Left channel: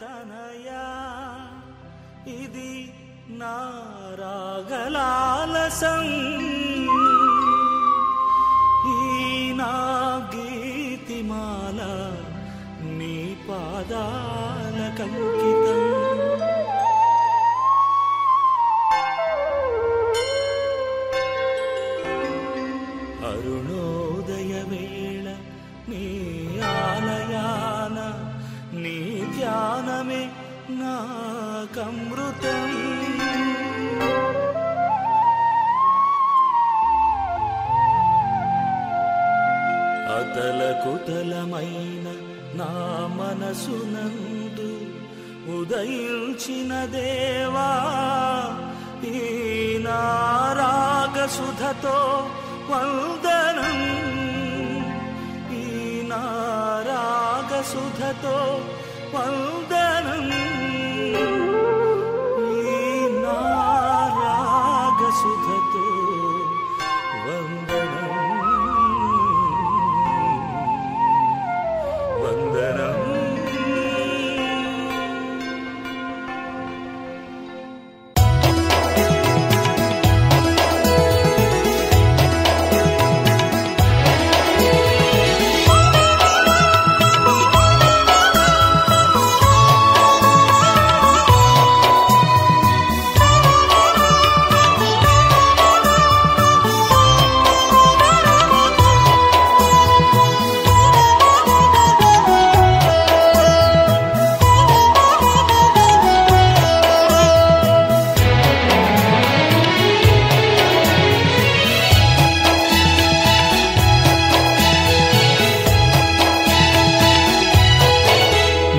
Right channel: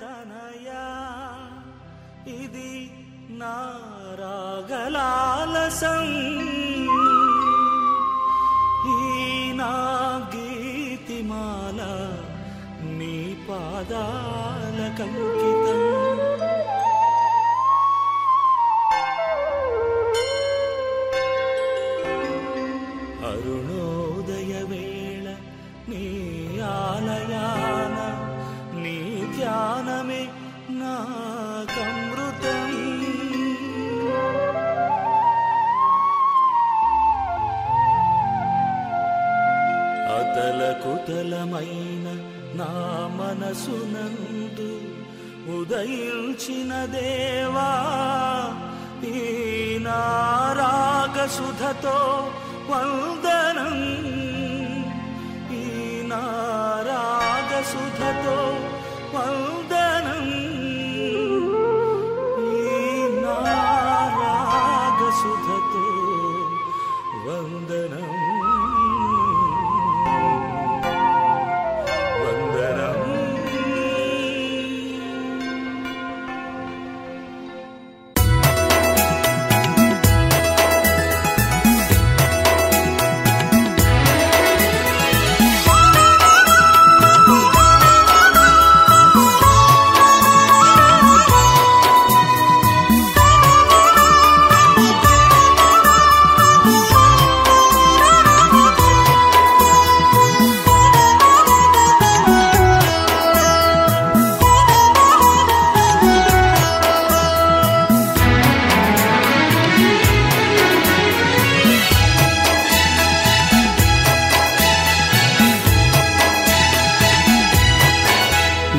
తనయా ఇది నా రాగలాలసం ఈ నా గీతిమాల నీ పాదాలకంకితం అరుణోదయ వేళ నీ ఆలయాన నీ ధ్యానమే నాకమృతం అతలకుతలమైన నా మనసునందు ఉదయించిన దేవా ఈ నా రాగసుధతో వందనం ఈ నా రాగసుధతో వందనం ఈ నా రాగసుధతో వందనం వందనం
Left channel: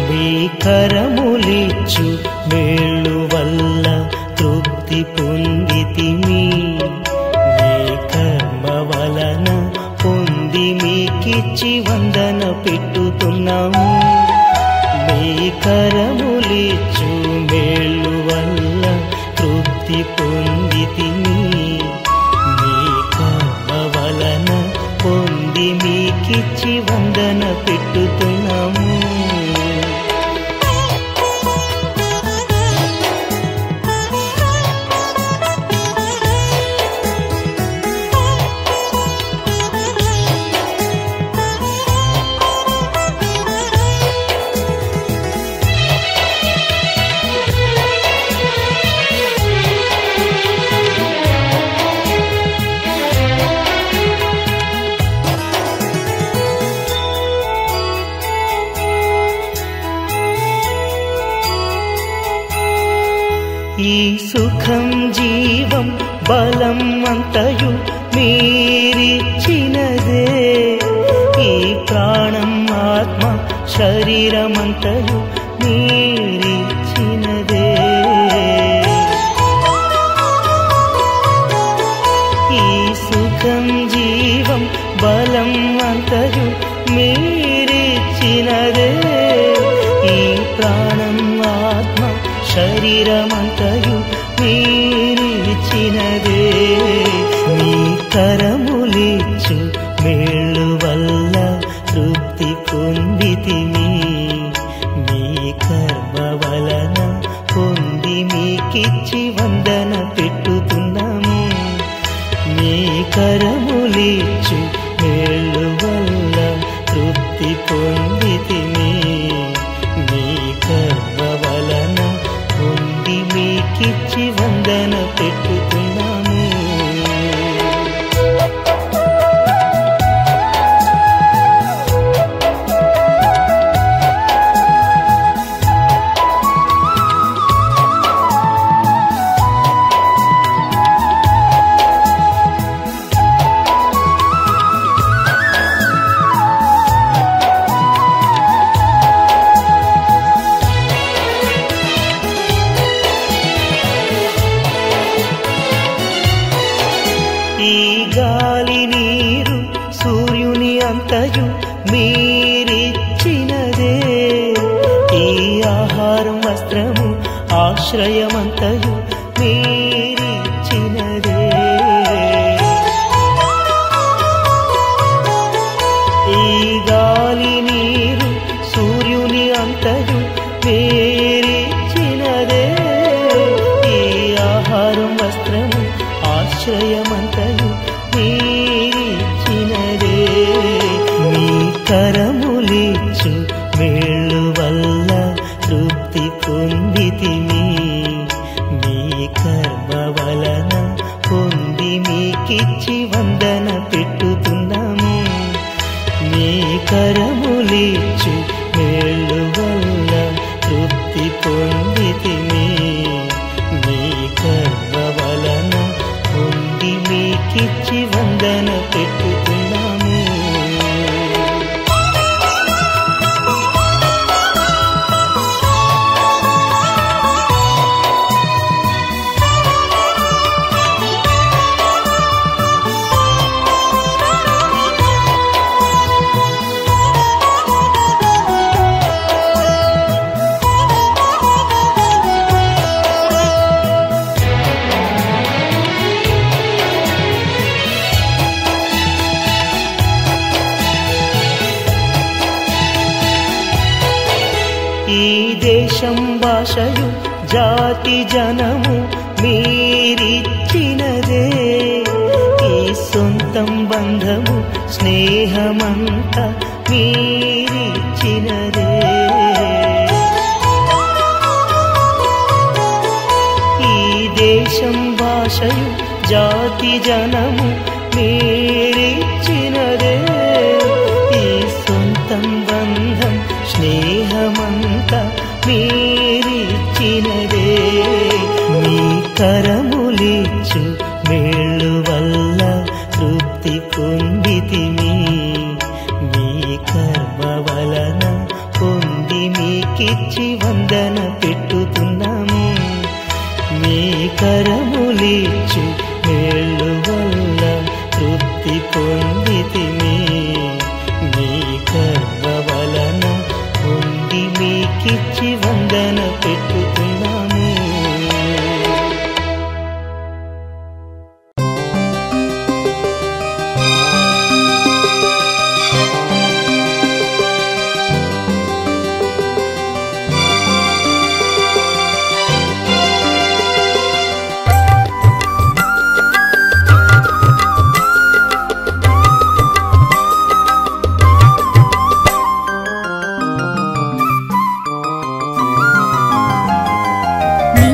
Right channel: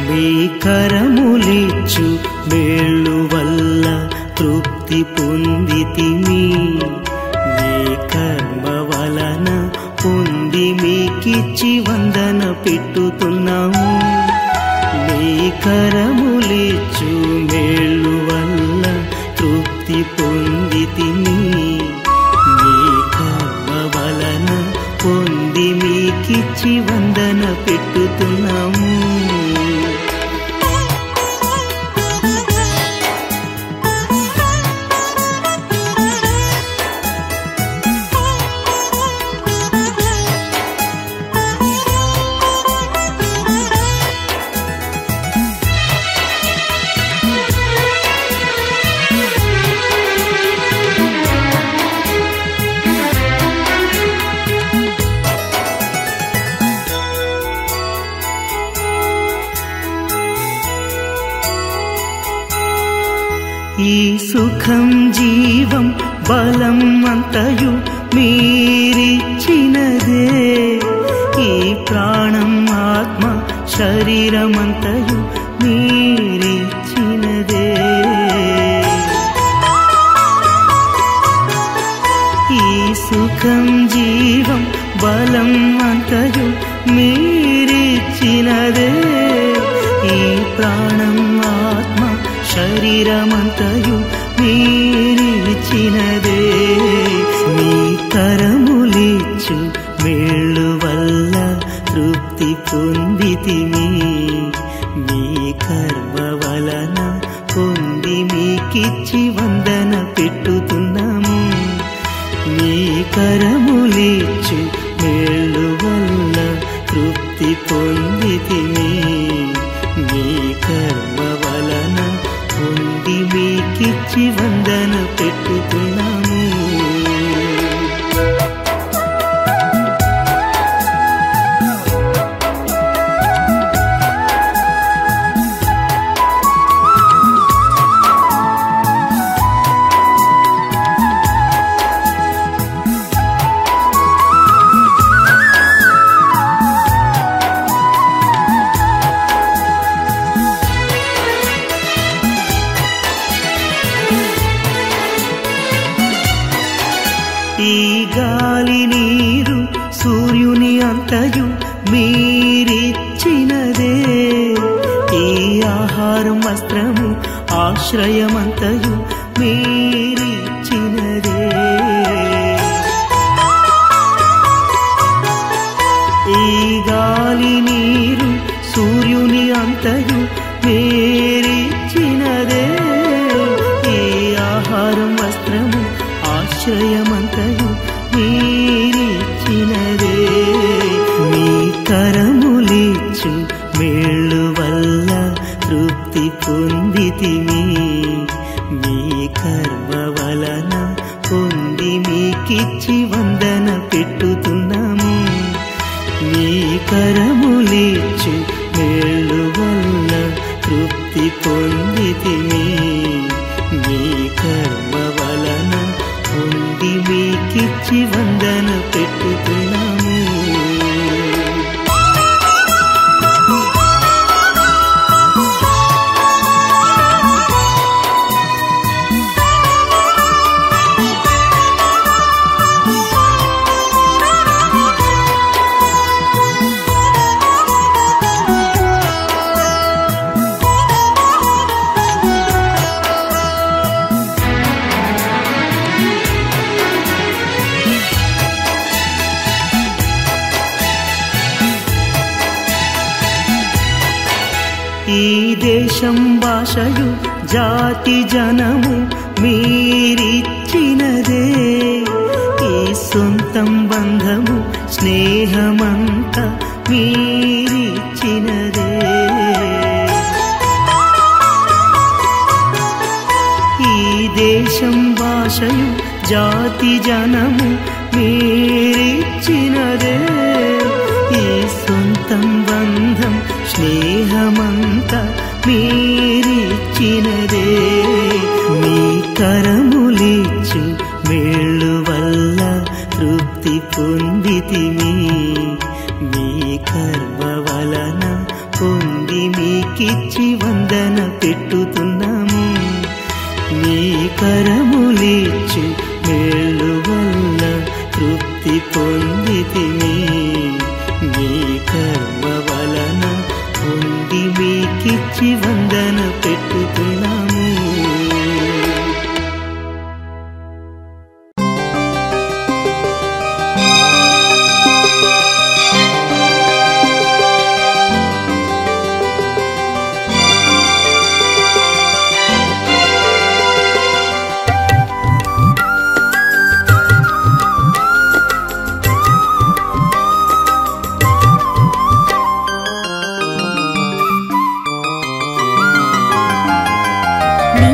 మీ కరములిచ్చు మేళ్ళు వల్ల తృప్తి పొందితిమి మీ కర్మ వలన పొంది మీకిచ్చి వందన పెట్టుతున్నాము మీ కరములిచ్చు మేళ్ళు వల్ల తృప్తి పొందితిమి మీ కర్మ వలన పొంది మీకిచ్చి వందన పెట్టుతున్నాము ఈ సుఖం జీవం బలం అంతయు మీరిచ్చినదే ఈ ప్రాణం ఆత్మ శరీరమంతయు మీరిచ్చినదే ఈ సుఖం జీవం బలం అంతయు మీరిచ్చినదే ఈ ప్రాణం ఆత్మ శరీరమంతయు మీరిచ్చినదే మీ కరములిచ్చు మేళ్ళు వల్ల తృప్తి పొందితిమి మీ కర్మ వలన పొంది మీకిచ్చి వందన పెట్టుతున్నాము మీ కరములిచ్చు మేళ్ళు వల్ల తృప్తి పొందితిమి మీ కర్మ వలన పొంది మీకిచ్చి వందన పెట్టుతున్నాము ఈ గాలి నీరు సూర్యుని అంతయు మీరిచ్చినదే ఈ ఆహారం వస్త్రము ఆశ్రయమంతయు మీరిచ్చినదే ఈ గాలి నీరు సూర్యుని అంతయు మీరిచ్చినదే ఈ ఆహారం వస్త్రము ఆశ్రయమంతయు మీరిచ్చినదే మీ కరములిచ్చు మేళ్ళు వల్ల తృప్తి పొందితిమి మీ కర్మ వలన పొంది మీకిచ్చి వందన పెట్టుతున్నాము మీ కరములిచ్చు మేళ్ళు వల్ల తృప్తి పొందితిమి మీ కర్మ వలన పొంది మీకిచ్చి వందన పెట్టుతున్నాము ఈ దేశం భాషయు జాతి జనము మీరిచ్చినదే ఈ సొంతం బంధము స్నేహమంత మీరిచ్చినదే ఈ దేశం భాషయు జాతి జనము మీరిచ్చినదే ఈ సొంతం బంధం స్నేహమంత మీరిచ్చినదే మీ కరములిచ్చు మేళ్ళు వల్ల తృప్తి పొందితిమి మీ కర్మ వలన పొంది మీకిచ్చి వందన పెట్టుతున్నాము మీ కరములిచ్చు మేళ్ళు వల్ల తృప్తి పొందితిమి మీ కర్మ వలన పొంది మీకిచ్చి వందన పెట్టుతున్నాము నీ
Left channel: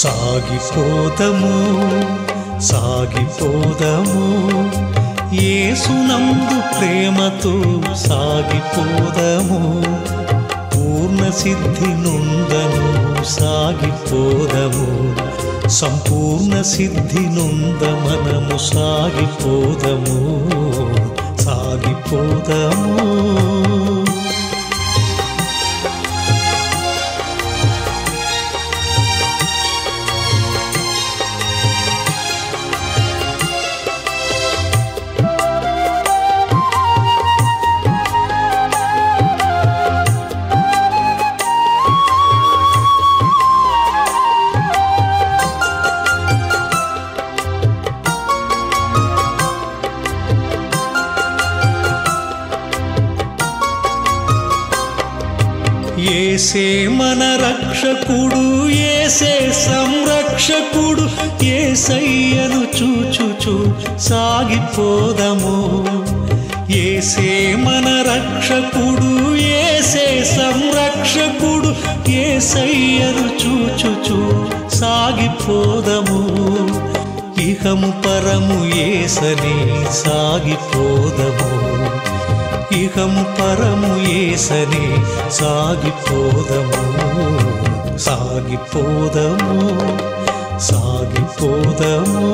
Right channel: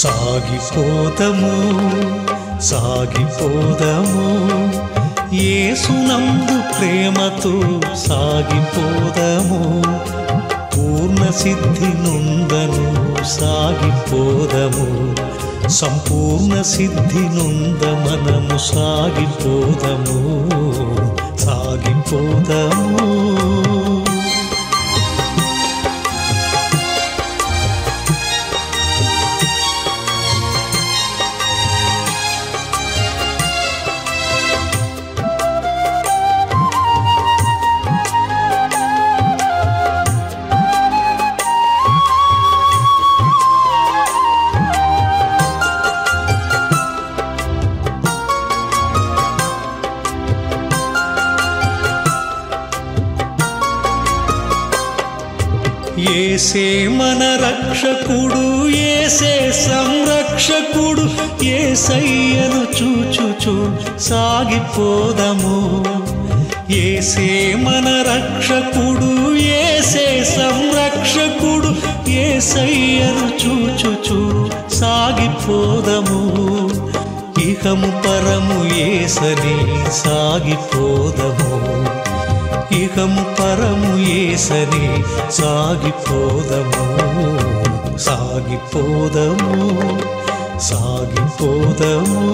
సాగిపోదము సాగిపోదము యేసునందు ప్రేమతో సాగిపోదము పూర్ణ సిద్ధి నొందను సాగిపోదము సంపూర్ణ సిద్ధి నొంద మనము సాగిపోదము సాగిపోదము యేసే మన రక్షకుడు యేసే సంరక్షకుడు యేసయ్యను చూచుచు సాగిపోదము యేసే మన రక్షకుడు యేసే సంరక్షకుడు యేసయ్యను చూచుచు సాగిపోదము ఇహము పరము యేసని సాగిపోదము ఇహము పరము యేసని సాగిపోదము సాగిపోదము సాగిపోదము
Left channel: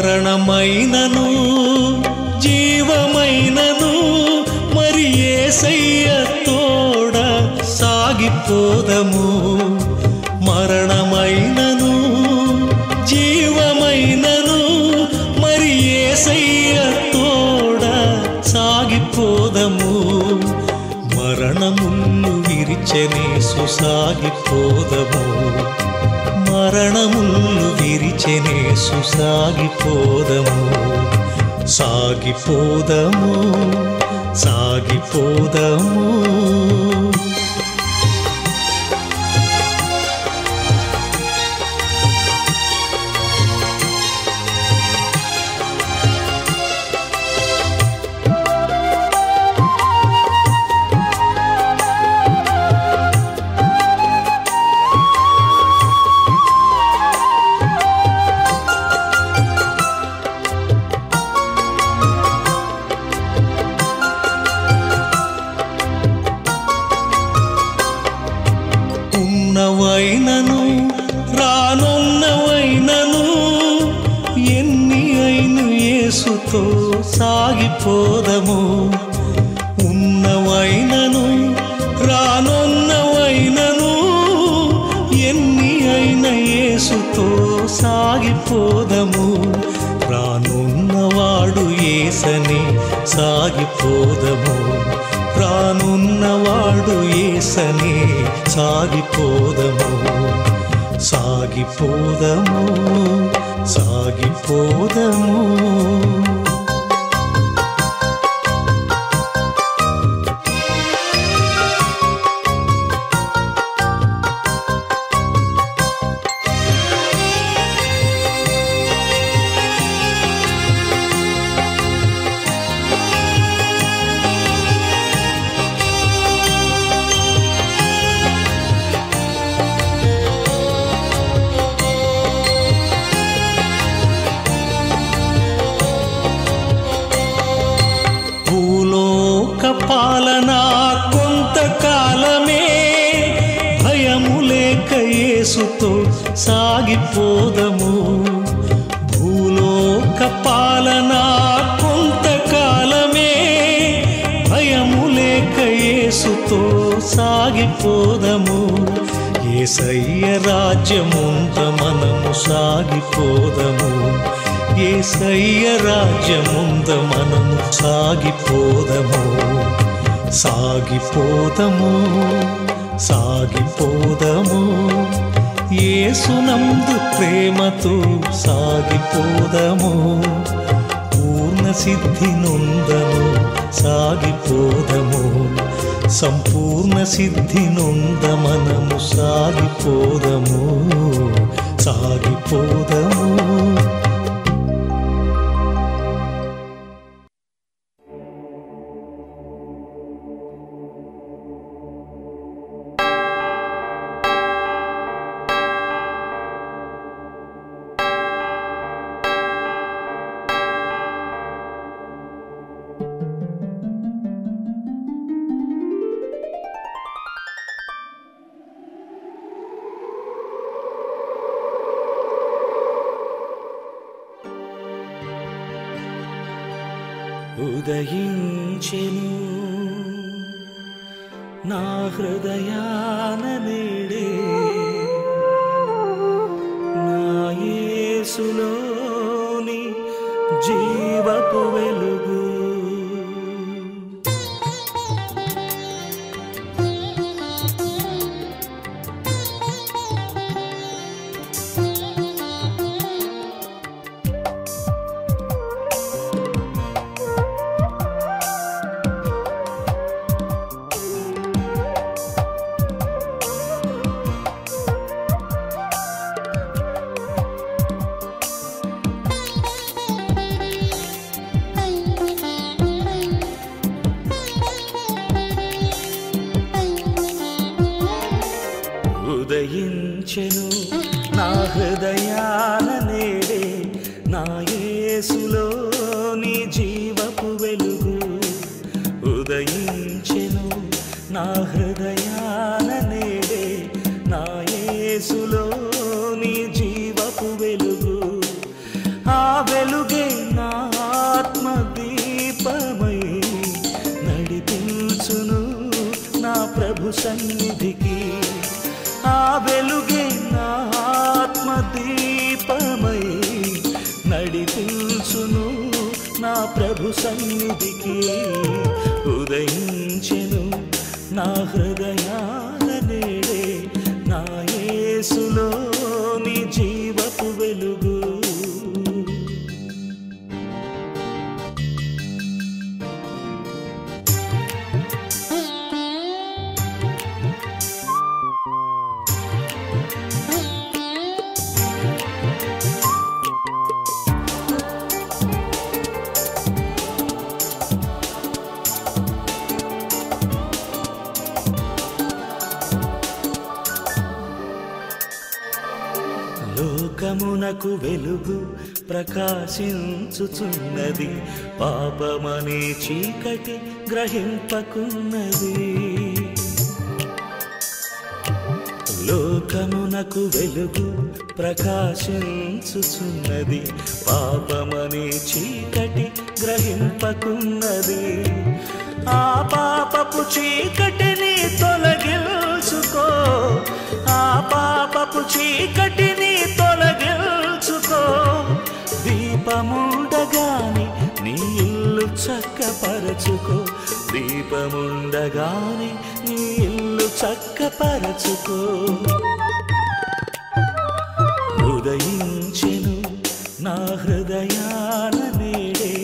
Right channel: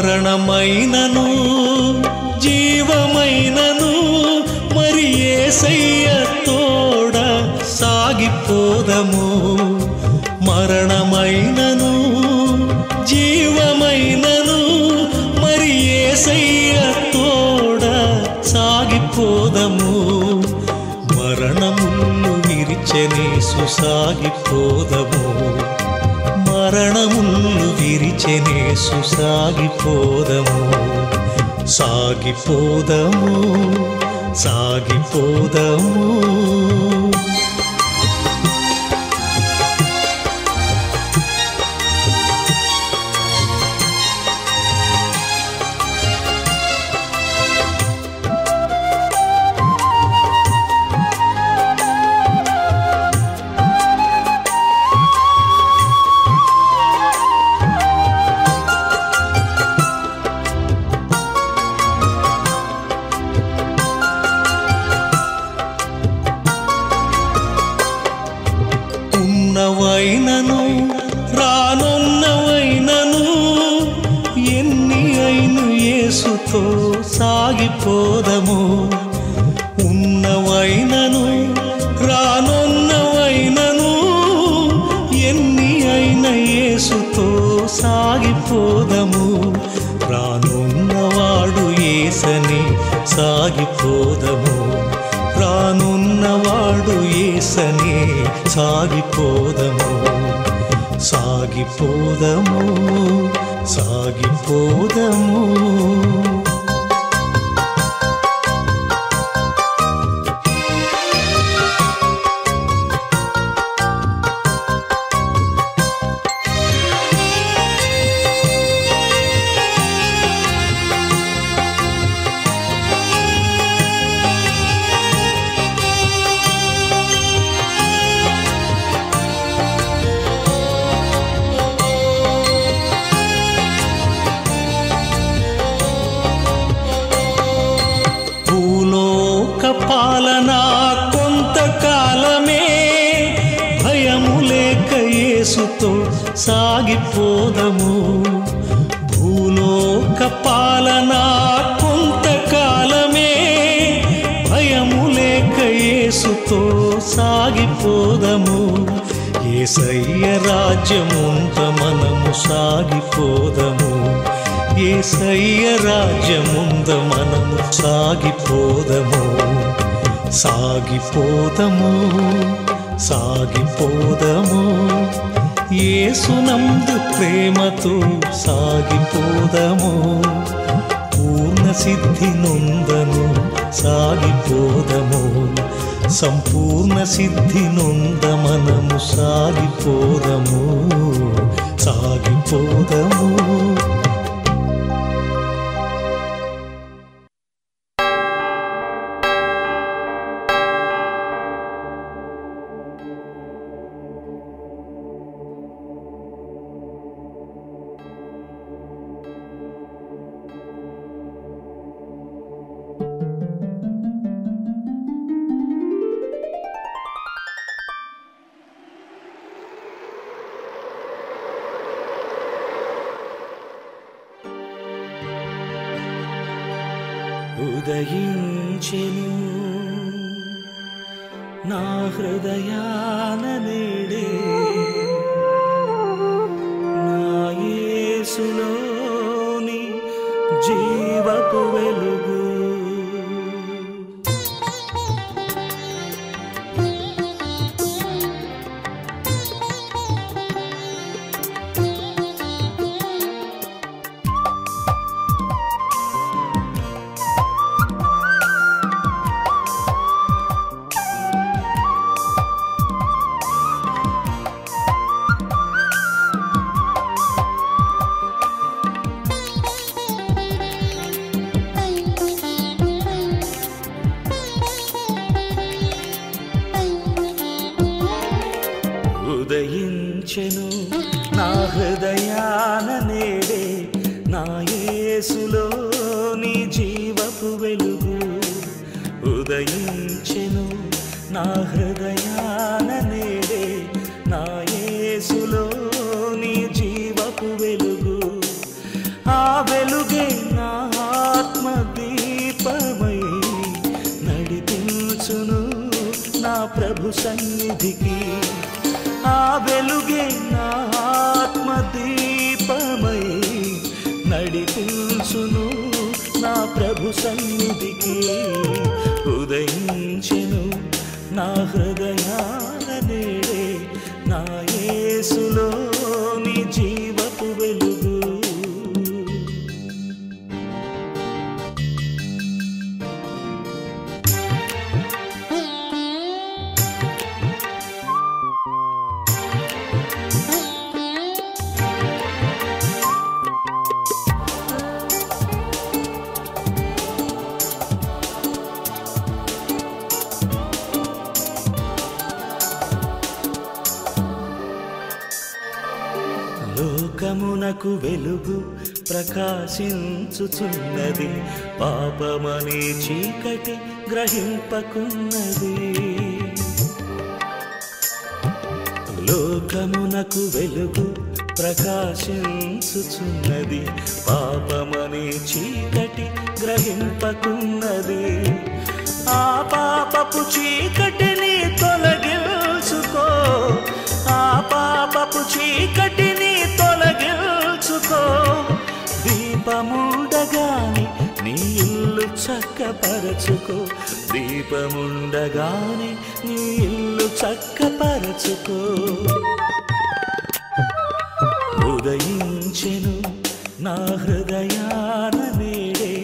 మరణమైనను జీవమైనను మరి యేసయ్య తోడ సాగిపోదము మరణమైనను జీవమైనను మరి యేసయ్య తోడ సాగిపోదము మరణములు విరిచెనేసు సాగిపోదము మరణములు విరిచెనేసు సాగిపోదము సాగిపోదము సాగిపోదము ఉన్నవైనను రానున్నవైనను ఎన్ని అయిను యేసుతో సాగిపోదము ఉన్నవైనను రానున్నవైనను ఎన్ని అయిన యేసుతో సాగిపోదము రానున్నవాడు యేసని సాగిపోదము రానున్నవాడు యేసని సాగిపోదము సాగిపోదము సాగిపోదము పాలన కొంతకాలమే భయము లేక యేసుతో సాగిపోదము భూలోక పాలన కొంతకాలమే భయము లేక యేసుతో సాగిపోదము యేసయ్య రాజ్యముంత మనము సాగిపోదము యేసయ్య రాజ్యముంద మనము సాగిపోదము సాగిపోదము సాగిపోదము. యేసునందు ప్రేమతో సాగిపోదము. పూర్ణ సిద్ధి నొందము సాగిపోదము. సంపూర్ణ సిద్ధి నొంద మనము సాగిపోదము. సాగిపోదము. ఉదయించెను నా హృదయాన నేడే నా యేసులోని జీవపు వెలుగు. ఉదయించెను నా హృదయాన నేడే నా యేసులోని జీవపు వెలుగు. ఉదయించెను నా హృదయాన నేడే నా యేసులోని జీవపు వెలుగు. ఆ వెలుగే నా ఆత్మ దీపమై నడిపించును నా ప్రభు సన్నిధికి. ఆ వెలుగే నా ఆత్మ దీపమై నడిపించును నా ప్రభు సన్నిధికి. ఉదయించెను నా హృదయాన నేడే నా యేసులోని జీవపు వెలుగు. లోకమునకు వెలుగు ప్రకాశించుచున్నది, పాపమనే చీకటి గ్రహింపకున్నది. లోకమునకు వెలుగు ప్రకాశించుచున్నది, పాపమనే చీకటి గ్రహింపకున్నది. ఆ పాపపు చీకటిని తొలగించుకో, ఆ పాపపు చీకటిని తొలగించుకో. దీపముండగాని నీ ఇల్లు చక్కపరచుకో, దీపముండగాని నీ ఇల్లు చక్కపరచుకో. ఉదయించెను నా హృదయాన నేడే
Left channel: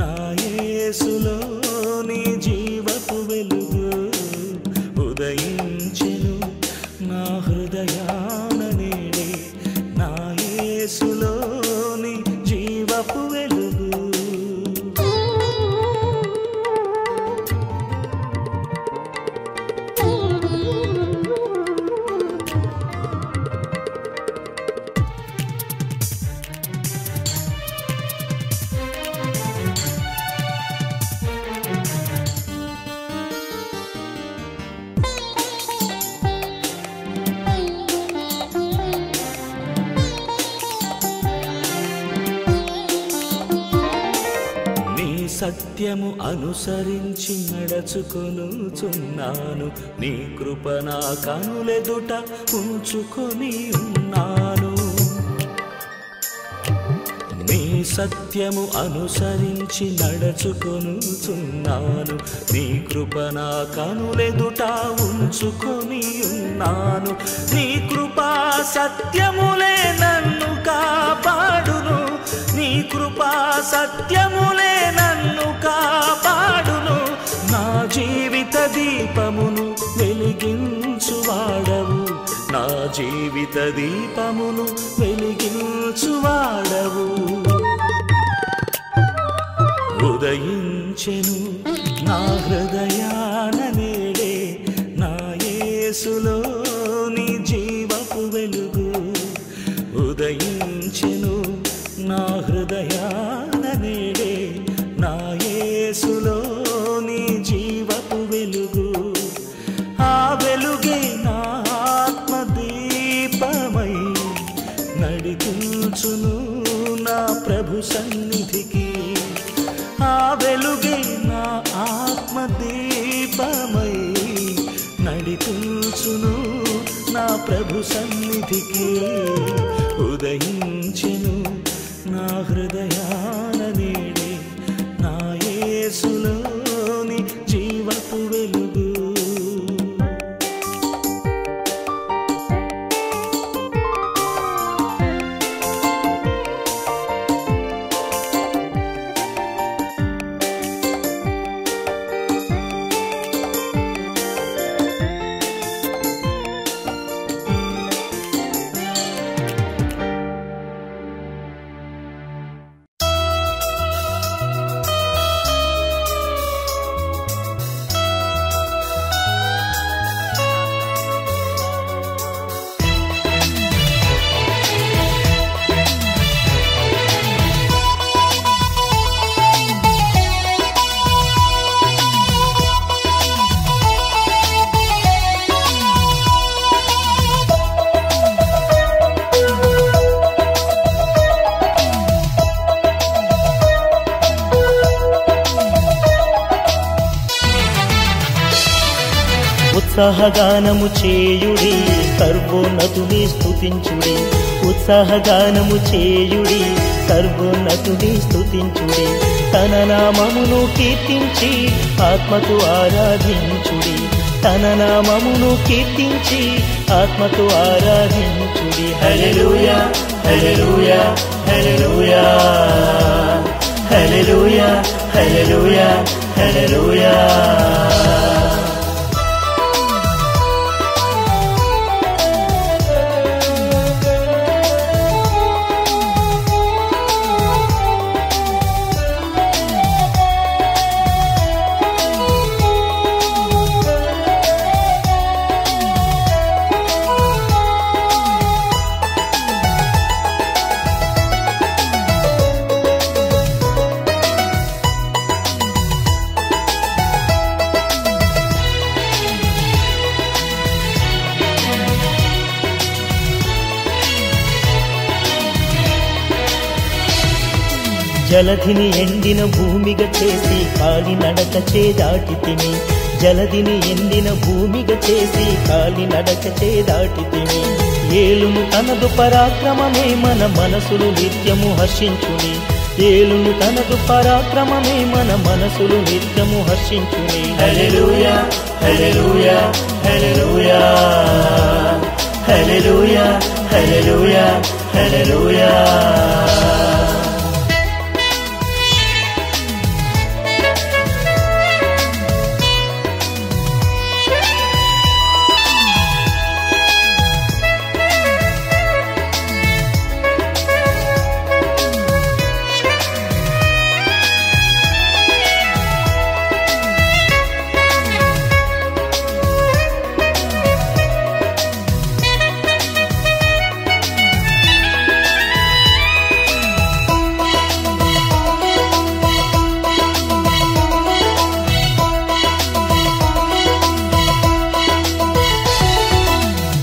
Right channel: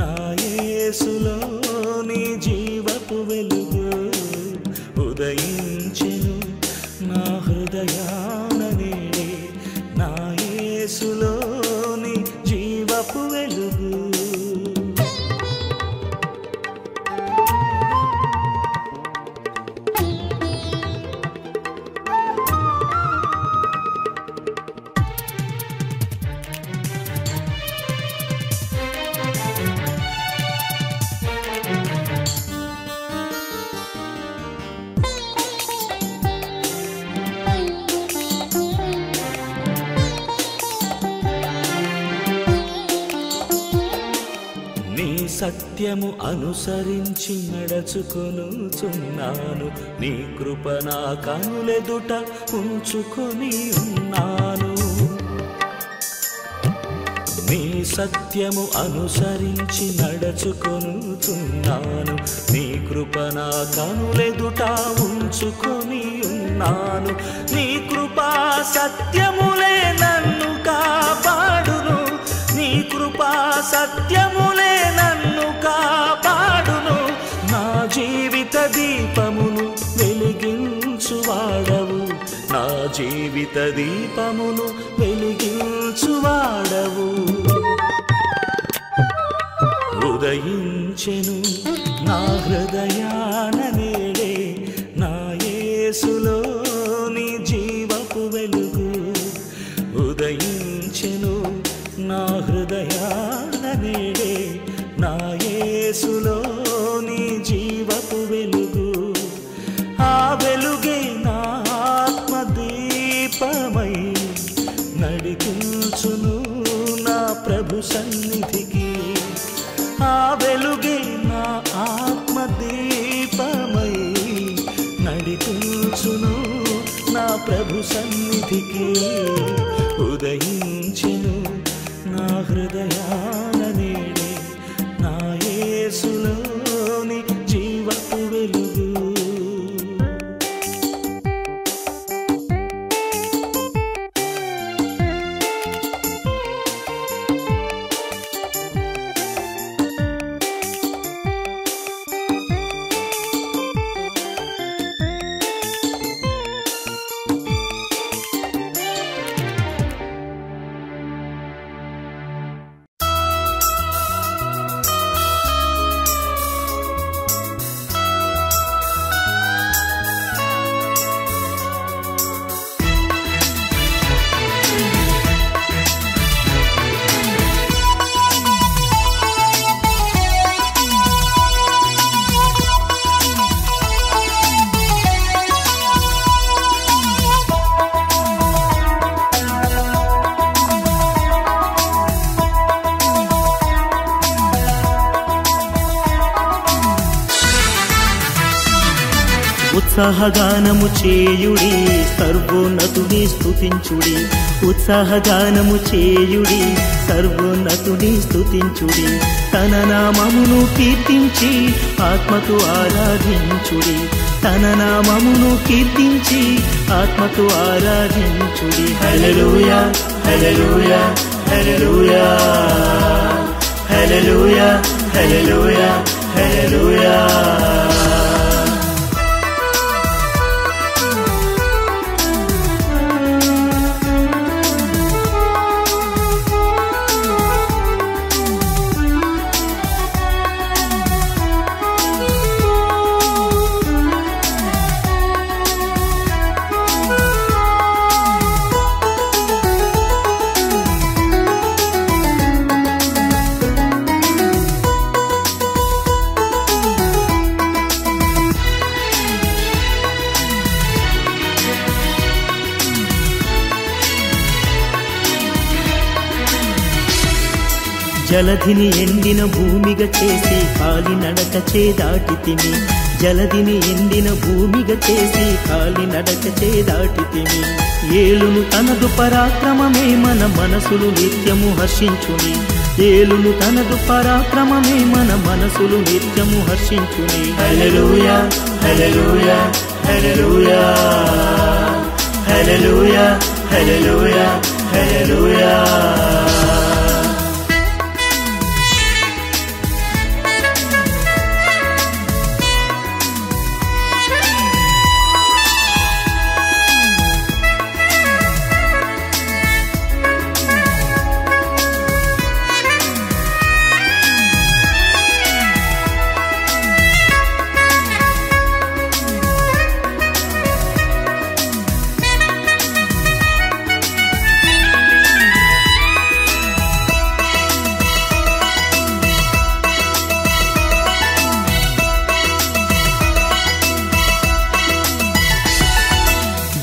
నా యేసులోని జీవపు వెలుగు. ఉదయించెను నా హృదయాన నేడే నా యేసులోని జీవపు వెలుగు. సత్యము అనుసరించి నడుచుకొనుచున్నాను, నీ కృప నా కనులెదుట ఉంచుకొని ఉన్నాను. నీ సత్యము అనుసరించి నడుచుకొనుచున్నాను. నీ కృప నా కనులెదుట ఉంచుకొని ఉన్నాను. నీ కృపా సత్యములే నన్ను కాపాడును. నీ కృపా సత్యములే నన్ను కాపాడును. నా జీవిత దీపమును వెలిగించువాడవు. నా జీవిత దీపమును వెలిగించువాడవు. ఉదయించెను నా హృదయాన నేడే నా యేసులోని జీవపు వెలుగు. ఉదయించెను నా హృదయాన నేడే నా యేసులోని జీవపు వెలుగు. ఆ వెలుగే నా ఆత్మదీపమై నడిపించును నా ప్రభు సన్నిధికి. ఆ వెలుగే నా ఆత్మదీపమై నడిపించును నా ప్రభు సన్నిధికి. ఉదయించెను నా హృదయాన నేడే నా యేసులోని జీవపు వెలుగు. ఉత్సాహగానము చేయుడి, సర్వోన్నతుని స్తుతించుడి. ఉత్సాహగానము చేయుడి, సర్వోన్నతుని స్తుతించుడి. తన నామమును కీర్తించి ఆత్మతో ఆరాధించుడి. తన నామమును కీర్తించి ఆత్మతో ఆరాధించుడి. హల్లెలూయా హల్లెలూయా హల్లెలూయా హల్లెలూయా హల్లెలూయా హల్లెలూయా. జలధిని ఎండిన భూమిగా చేసి కాలినడక చేదాటితిమి. జలధిని ఎండిన భూమిగా చేసి కాలినడక చేదాటితిమి. ఏలును తనదు పరాక్రమమే మన మనసులు నిత్యము హర్షించుని. ఏలును తనదు పరాక్రమమే మన మనసులు నిత్యము హర్షించుని. హల్లెలూయా హల్లెలూయా హల్లెలూయా హల్లెలూయా హల్లెలూయా హల్లెలూయా.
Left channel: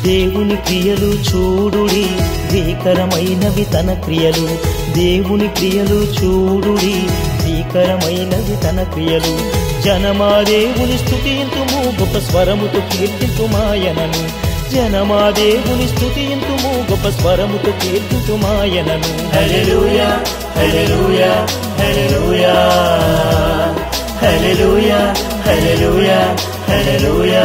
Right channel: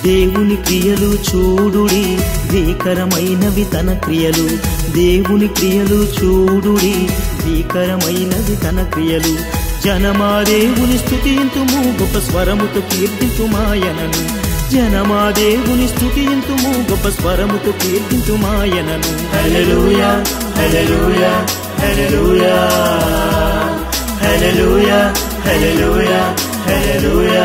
దేవుని క్రియలు చూడుడి, భీకరమైనవి తన క్రియలు. దేవుని క్రియలు చూడుడి, భీకరమైనవి తన క్రియలు. జనమా దేవుని స్తుతింతుము, గొప్ప స్వరముతో కీర్తింతుమాయనను. జనమా దేవుని స్తుతింతుము, గొప్ప స్వరముతో కీర్తింతుమాయనను. హల్లెలూయా హల్లెలూయా హల్లెలూయా హల్లెలూయా హల్లెలూయా హల్లెలూయా.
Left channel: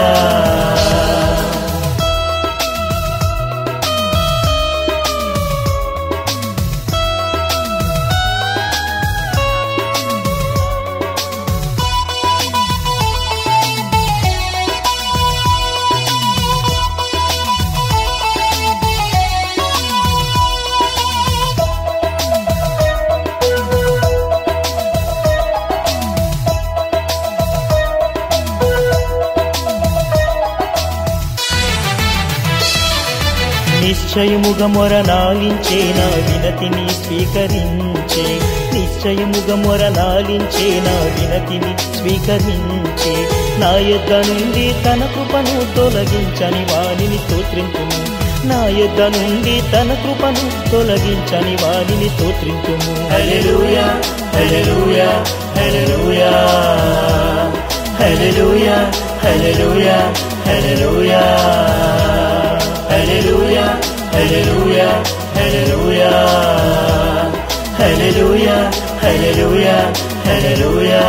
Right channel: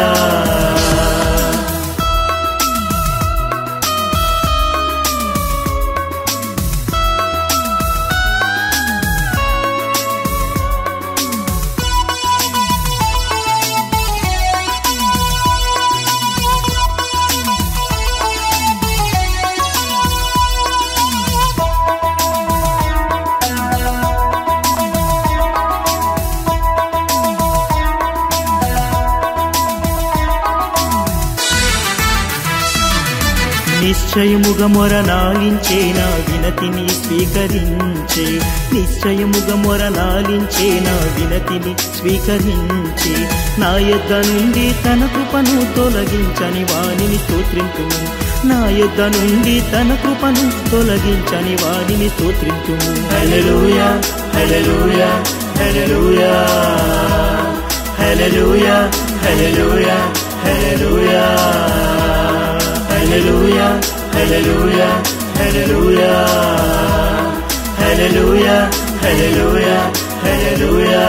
నిశ్చయముగా మొరనాలించే నా వినతిని స్వీకరించే, నిశ్చయముగా మొరనాలించే నా వినతిని స్వీకరించే, నా యొద్ద నుండి తన కృపను తొలగించని వానిని స్తోత్రింతుము, నా యొద్ద నుండి తన కృపను తొలగించని వానిని స్తోత్రింతుము. హల్లెలూయా హల్లెలూయా హల్లెలూయా హల్లెలూయా హల్లెలూయా హల్లెలూయా హల్లెలూయా హల్లెలూయా హల్లెలూయా హల్లెలూయా హల్లెలూయా హల్లెలూయా.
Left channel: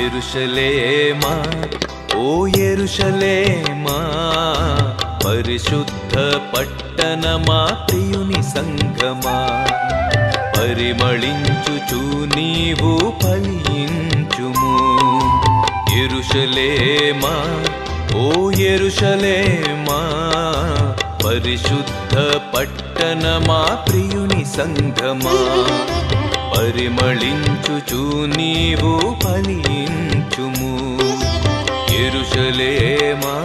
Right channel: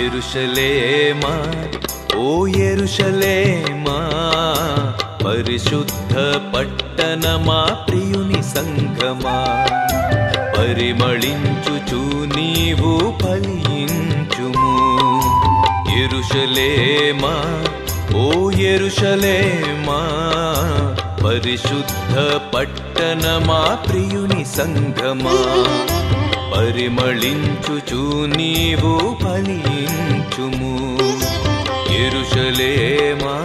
యెరూషలేమా ఓ యెరూషలేమా, పరిశుద్ధ పట్టణమా ప్రియుని సంఘమా, పరిమళించుచు నీవు ఫలించుము. యెరూషలేమా ఓ యెరూషలేమా, పరిశుద్ధ పట్టణమా ప్రియుని సంఘమా, పరిమళించుచు నీవు ఫలించుము. యెరూషలేమా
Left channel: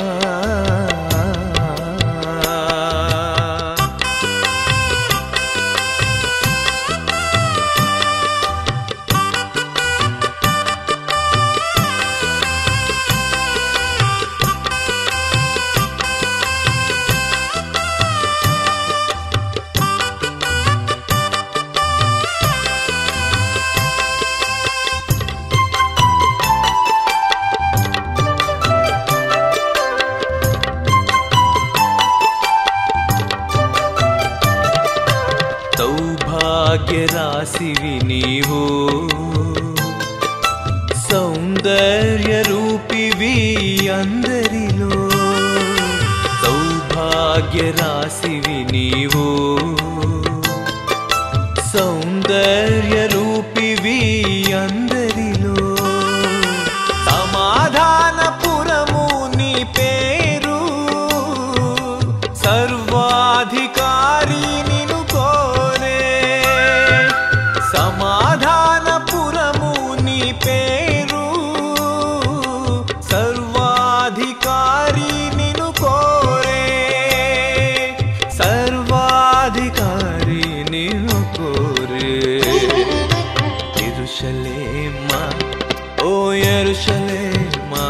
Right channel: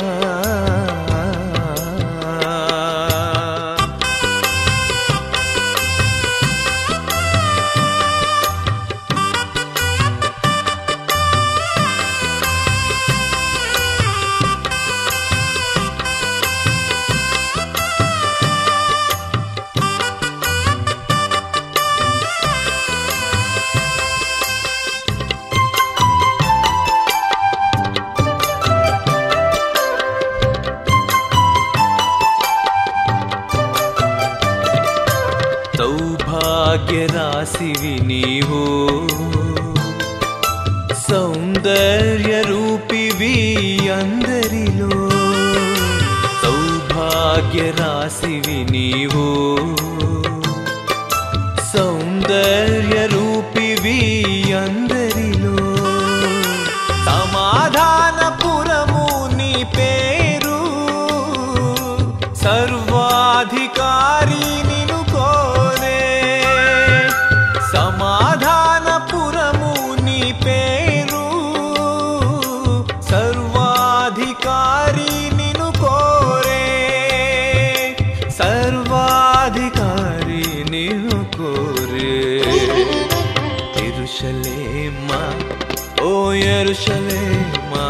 సౌభాగ్యరాశివి నీవు, సౌందర్య రూపివి అందరిలో, సౌభాగ్యరాశివి నీవు, సౌందర్య రూపివి అందరిలో, సమాధానపురము నీ పేరు, సర్వాధికారి నిన్ను కోరే, సమాధానపురము నీ పేరు, సర్వాధికారి నిన్ను కోరే, సర్వాధికారి నిన్ను కోరే. యెరూషలేమా ఓ యెరూషలేమా,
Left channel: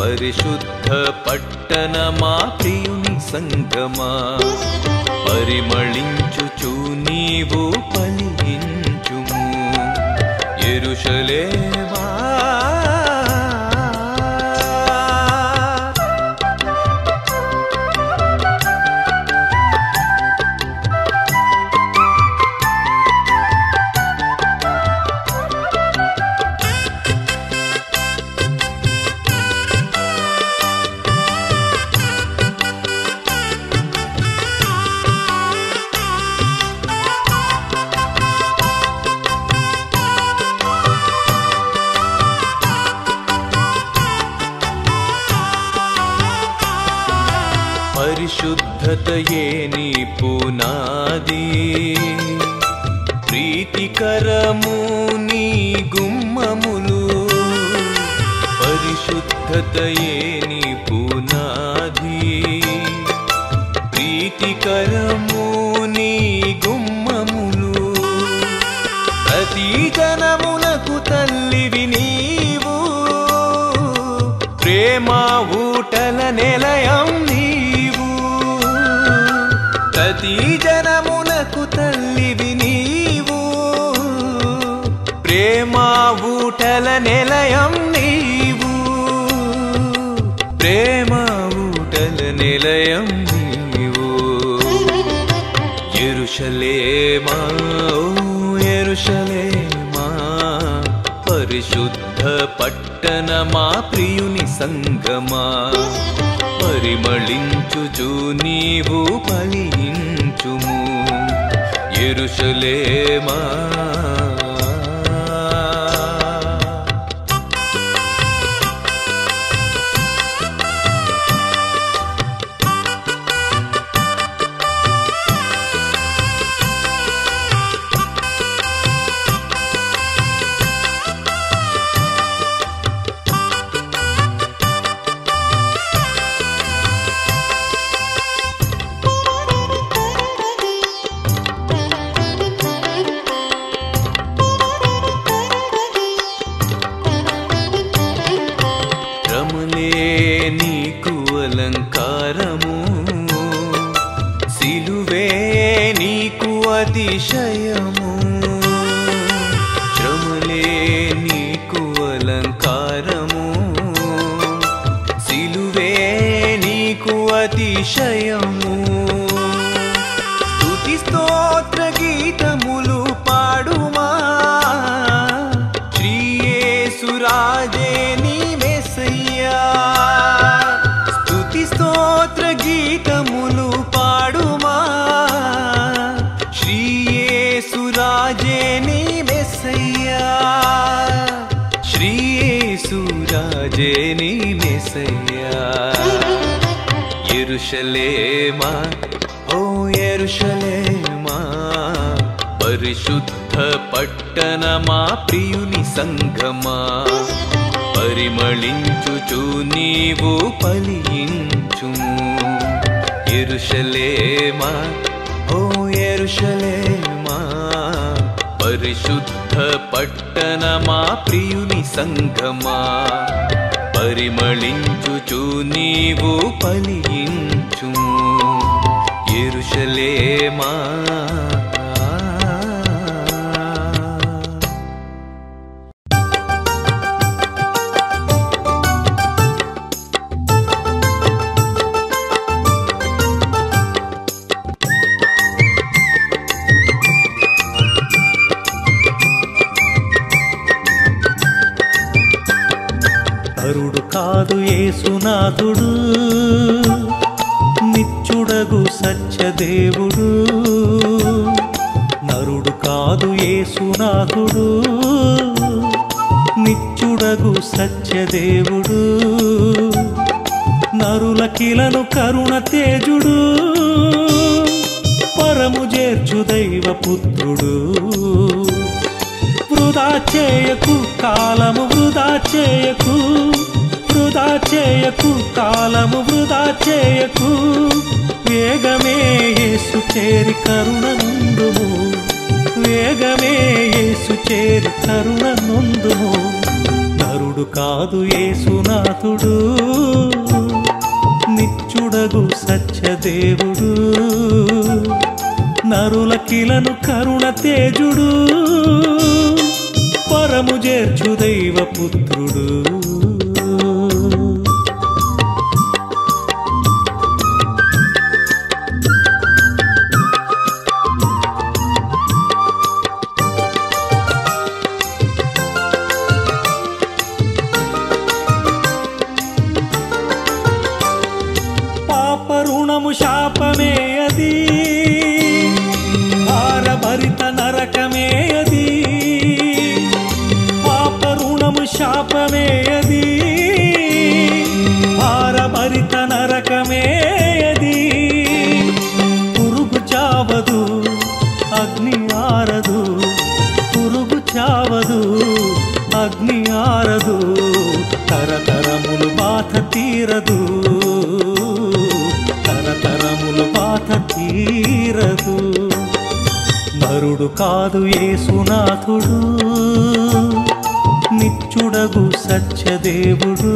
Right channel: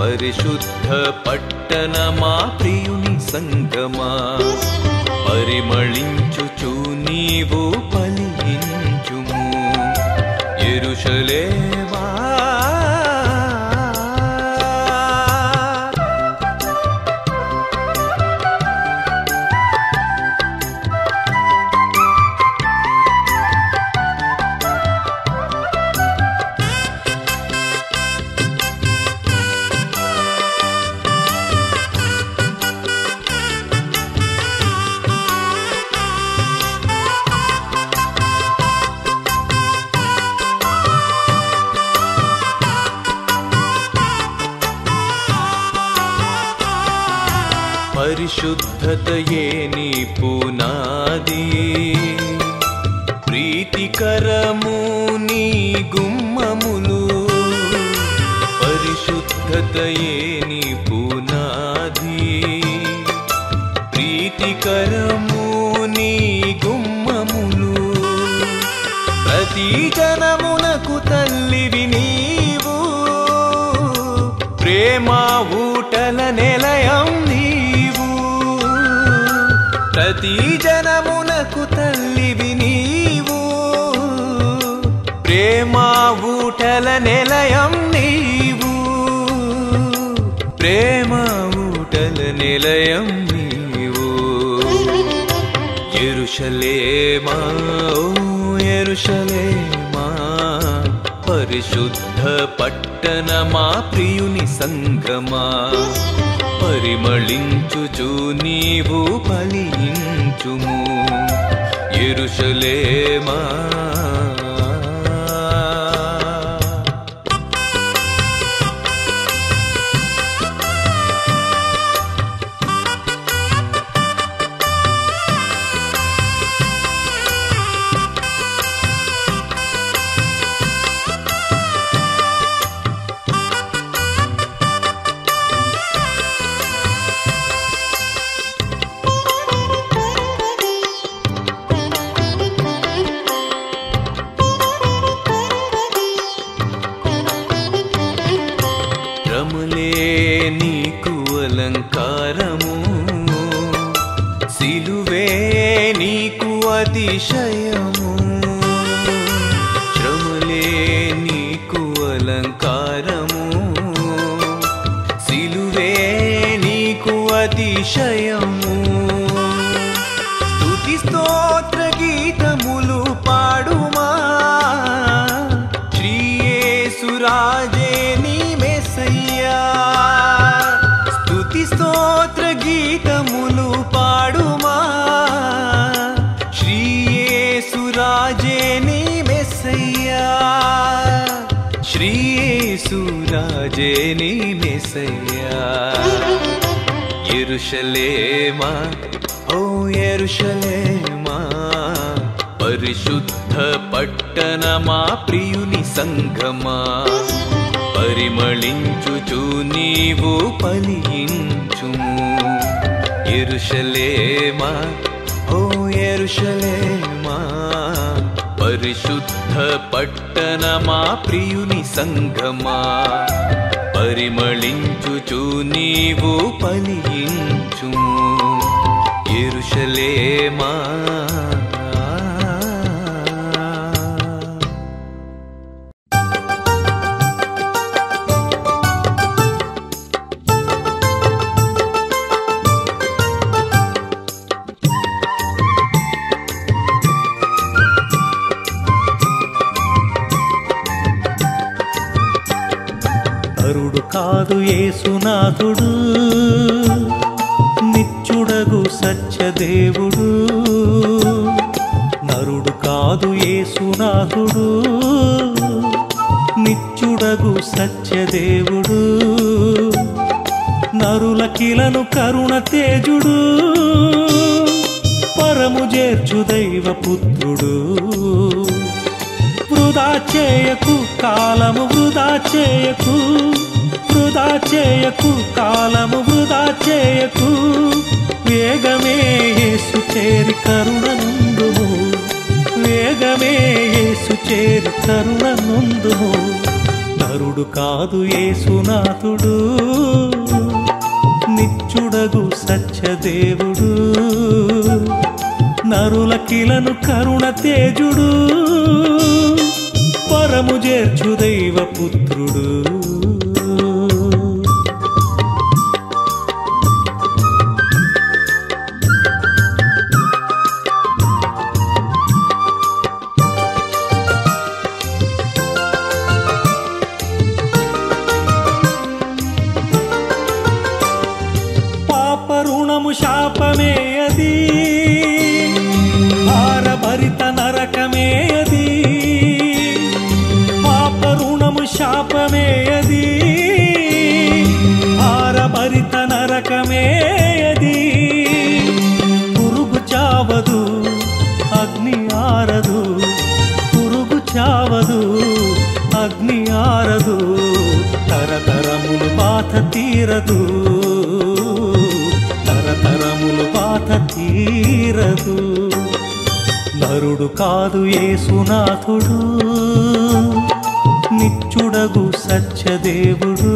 పరిశుద్ధ పట్టణమా ప్రియుని సంఘమా, పరిమళించుచు నీవు ఫలించుము. యెరూషలేమా పరిశుద్ధతయే నీ పునాది, ప్రీతికరము నీ గుమ్మములు పరిశుద్ధతయే నీ పునాది ప్రీతికరము నీ గుమ్మములు ప్రతి జనమునకు తల్లివి నీవు ప్రేమ ఊటల నిలయం నీవు ప్రతి జనమునకు తల్లివి నీవు ప్రేమ ఊటల నిలయం నీవు ప్రేమ ఊటల నిలయం నీవు యెరూషలేమా ఓ యెరూషలేమా పరిశుద్ధ పట్టణమా ప్రియుని సంగమా పరిమళించుచు నీవు ఫలించుము యెరూషలేమా నీకు అలంకారము సిలువే నీకు అతిశయము శ్రమలే నీకు అలంకారము సిలువే నీకు అతిశయము స్తుతి స్తోత్ర గీతములు పాడుమా శ్రీ యేసు రాజే నీ మెస్సయ్యా స్తుతి స్తోత్ర గీతములు పాడుమా శ్రీ యేసు రాజే నీ మెస్సయ్యా శ్రీ యేసు రాజే నీ మెస్సయ్యా యెరూషలేమా ఓ యెరూషలేమా పరిశుద్ధ పట్టణమా ప్రియుని సంగమా పరిమళించుచు నీవు ఫలించుము యెరూషలేమా ఓ యెరూషలేమా పరిశుద్ధ పట్టణమా ప్రియుని సంగమా పరిమళించుచు నీవు ఫలించుము యెరూషలేమా నరుడు కాదు యేసునాథుడు నిత్యుడగు సత్యదేవుడు నరుడు కాదు యేసునాథుడు నిత్యుడగు సత్యదేవుడు నరులకిలను కరుణ తేజుడు పరము చేర్చు దైవపుత్రుడు వృధా చేయకు కాలము వృధా చేయకు వృధా చేయకు కాలము వృధా చేయకు వేగమే యేసు చేరి కరుణ నుండుము వేగమే యేసు చేరి కరుణ నుండుము నరుడు కాదు యేసునాథుడు నిత్యుడగు సత్యదేవుడు నరులకిలను కరుణ తేజుడు పరము చేర్చు దైవపుత్రుడు పాప రుణము శాపమే అది భారభరిత నరకమే అది పాప రుణము శాపమే అది భారభరిత నరకమే అది పురుగు చావదు అగ్ని ఆరదు, పురుగు చావదు, అగ్ని ఆరదు, తరతరములు బాధ తీరదు, తరతరములు బాధ తీరదు. నరుడు కాదు యేసునాథుడు, నిత్యుడగు సత్యదేవుడు,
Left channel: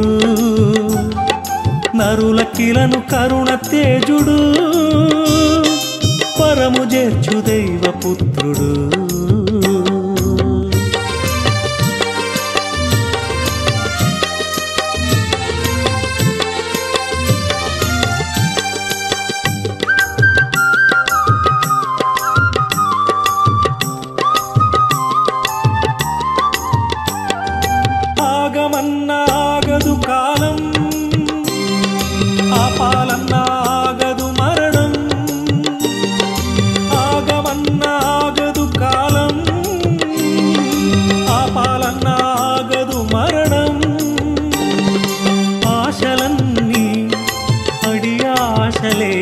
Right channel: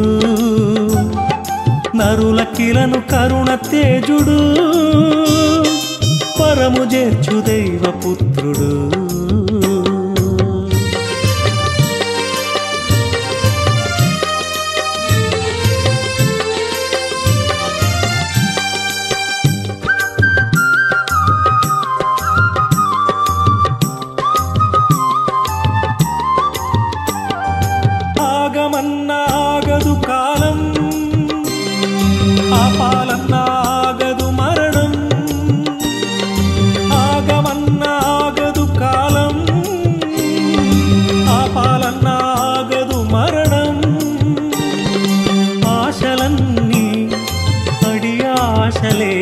నరుల కిలను కరుణ తేజుడు, పరము చేర్చు దైవపుత్రుడు. ఆగమన్నా ఆగదు కాలం, ఆపాలన్నా ఆగదు మరణం, ఆగమన్నా ఆగదు కాలం, ఆపాలన్నా ఆగదు మరణం. ఆశలన్నీ అడి ఆశలే,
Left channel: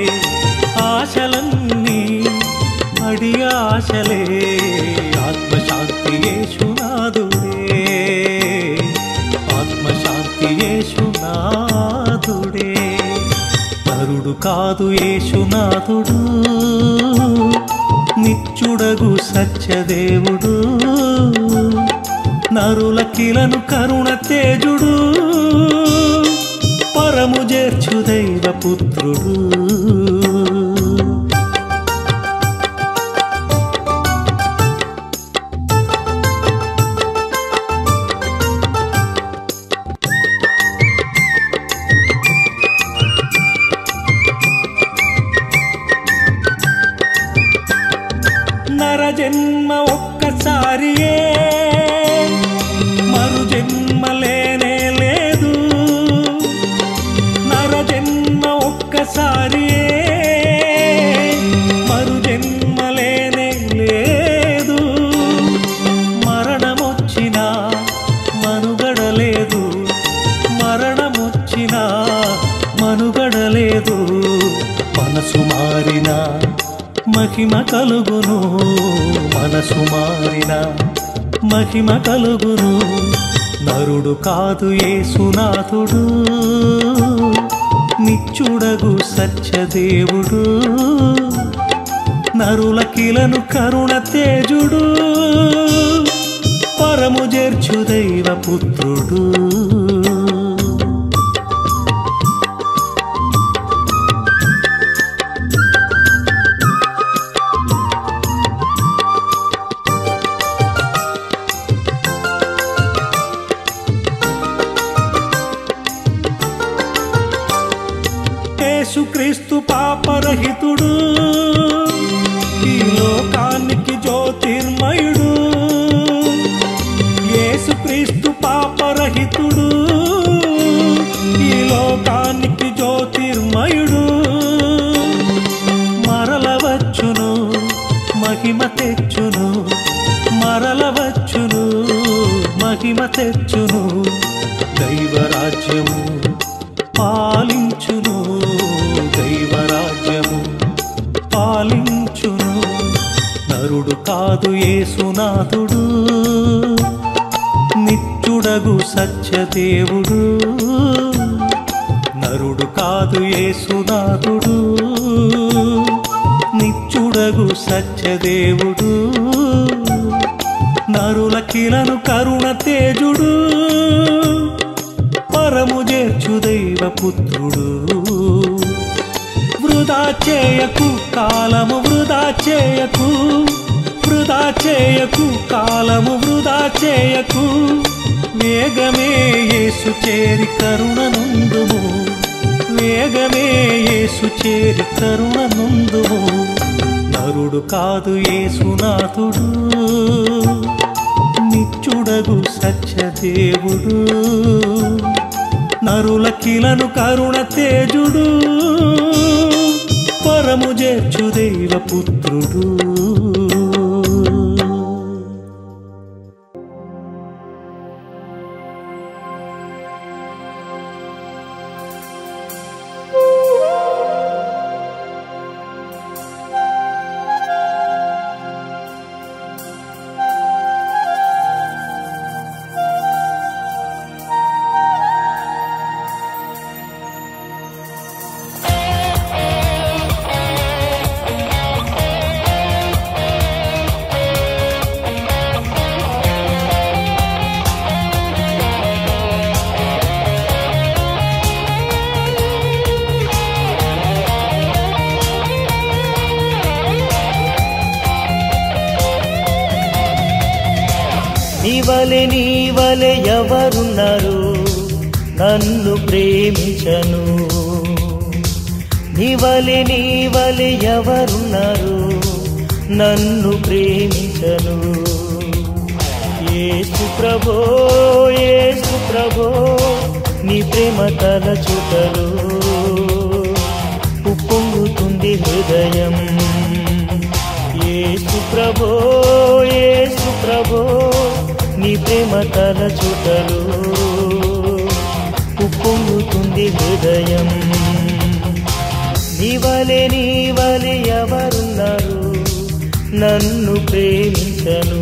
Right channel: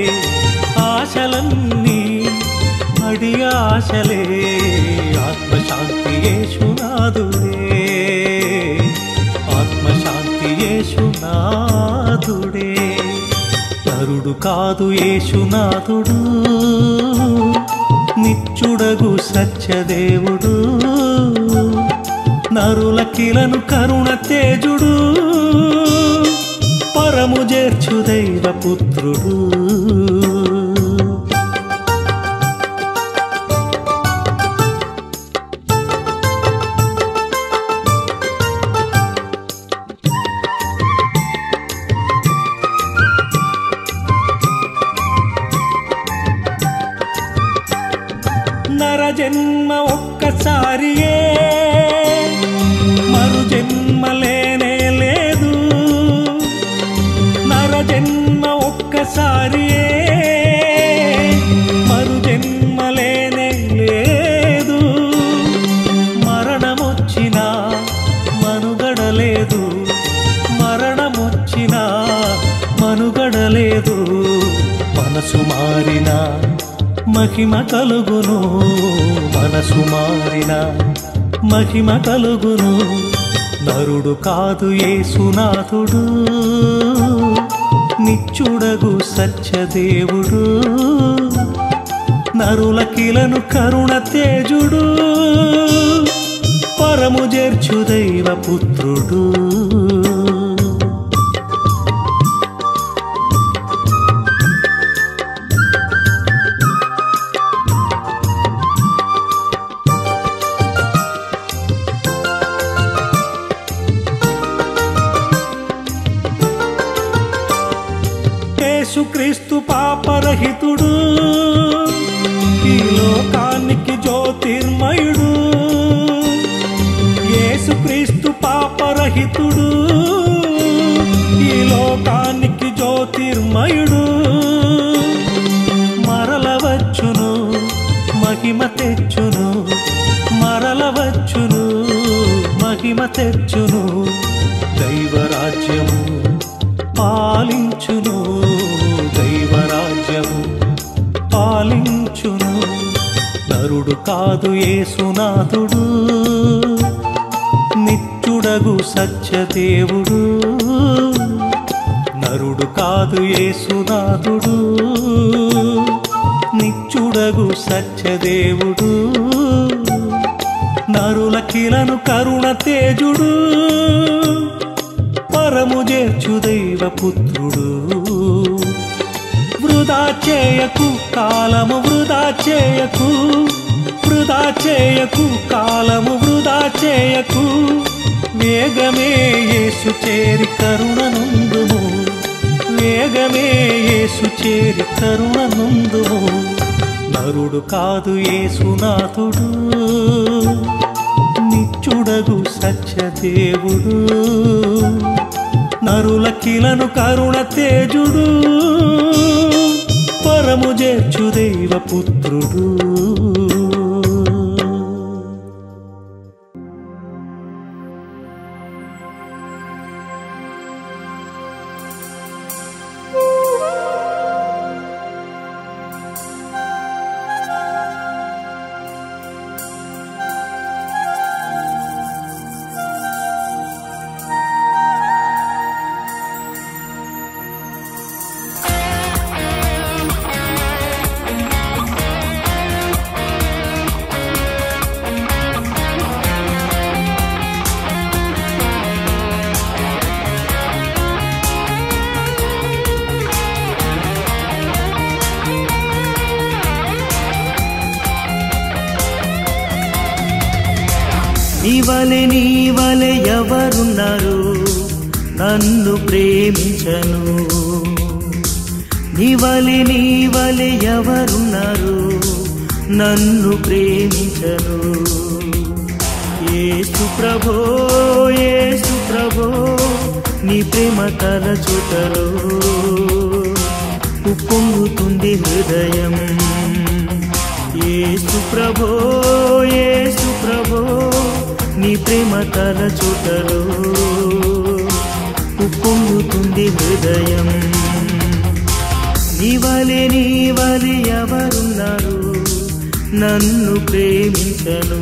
ఆశలన్నీ అడి ఆశలే, ఆత్మశాంతి యేసునాథుడే, ఆత్మశాంతి యేసునాథుడే. నరుడు కాదు యేసునాథుడు, నిత్యుడగు సత్యదేవుడు, నరుల కిలను కరుణ తేజుడు, పరము చేర్చు దైవపుత్రుడు. నరజన్మ ఒక్కసారియే, మరు జన్మ లేనే లేదు, నరజన్మ ఒక్కసారియే, మరు జన్మ లేనే లేదు. మరణమొచ్చినా మనుగడలేదు, మరణమొచ్చినా మనుగడలేదు. మనసు మారినా మహిమ కలుగును, మనసు మారిన మహిమ కలుగును. నరుడు కాదు యేసునాథుడు, నిత్యుడగు సత్యదేవుడు, నరుల కిలను కరుణ తేజుడు, పరము చేర్చు దైవపుత్రుడు. యేసుక్రీస్తు పాపరహితుడు, ఈ లోకానికి జ్యోతిర్మయుడు, యేసుక్రీస్తు పాపరహితుడు, ఈ లోకానికి జ్యోతిర్మయుడు. మరలవచ్చును మహిమ తెచ్చును, మరలవచ్చును మహిమ తెచ్చును. దైవరాజ్యము పాలించును, దైవరాజ్యము పాలించును. నరుడు కాదు యేసునాథుడు, నిత్యుడగు సత్యదేవుడు, నరుడు కాదు యేసునాథుడు, నిత్యుడగు సత్యదేవుడు, నరుల కిలను కరుణ తేజుడు, పరము చేర్చు దైవపుత్రుడు. వృధా చేయకు కాలము, వృధా చేయకు, వృధా చేయకు కాలము, వృధా చేయకు. వేగమే యేసు చేరి కరుణనుందుము, వేగమే యేసు చేరి కరుణనుందుము. నరుడు కాదు యేసునాథుడు, నిత్యుడగు సత్యదేవుడు, నరుల కిలను కరుణ తేజుడు, పరము చేర్చు దైవపుత్రుడు. నీవలే ఎవరున్నారు నన్ను ప్రేమించను? నీవలే ఎవరున్నారు నన్ను ప్రేమించను? యేసు ప్రభో యేసు ప్రభో నీ ప్రేమ తలచుటలో ఉప్పొంగుతుంది హృదయం. యేసు ప్రభో యేసు ప్రభో నీ ప్రేమ తలచుటలో ఉప్పొంగుతుంది హృదయం. నీవలే ఎవరున్నారు నన్ను ప్రేమించను?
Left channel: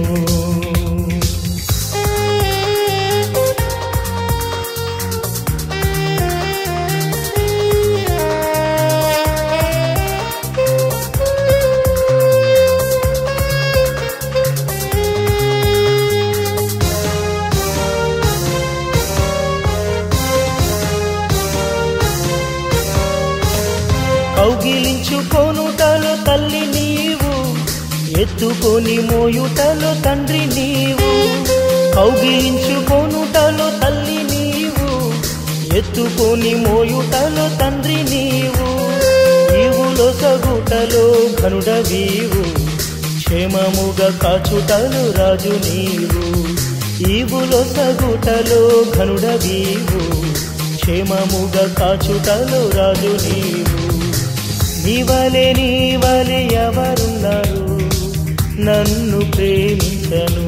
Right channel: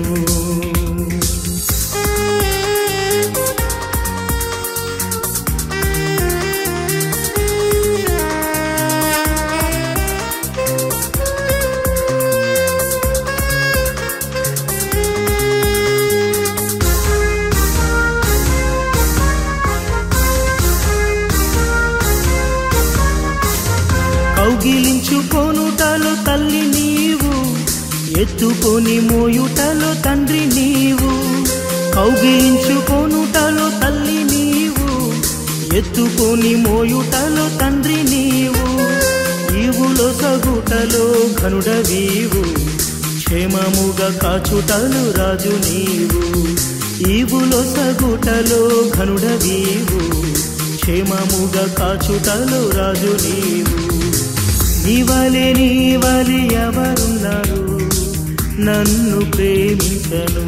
కౌగిలించుకొనుటలో తల్లి నీవు, ఎత్తుకొని మోయుటలో తండ్రి నీవు. కౌగిలించుకొనుటలో తల్లి నీవు, ఎత్తుకొని మోయుటలో తండ్రి నీవు. ఈవులో సగుటలో ఘనుడవీవు, క్షేమముగా కాచుటలు రాజు నీవు. ఈవులో సగుటలో ఘనుడవీవు, క్షేమముగా కాచుటలు రాజు నీవు. నీవలే ఎవరున్నారు నన్ను ప్రేమించను?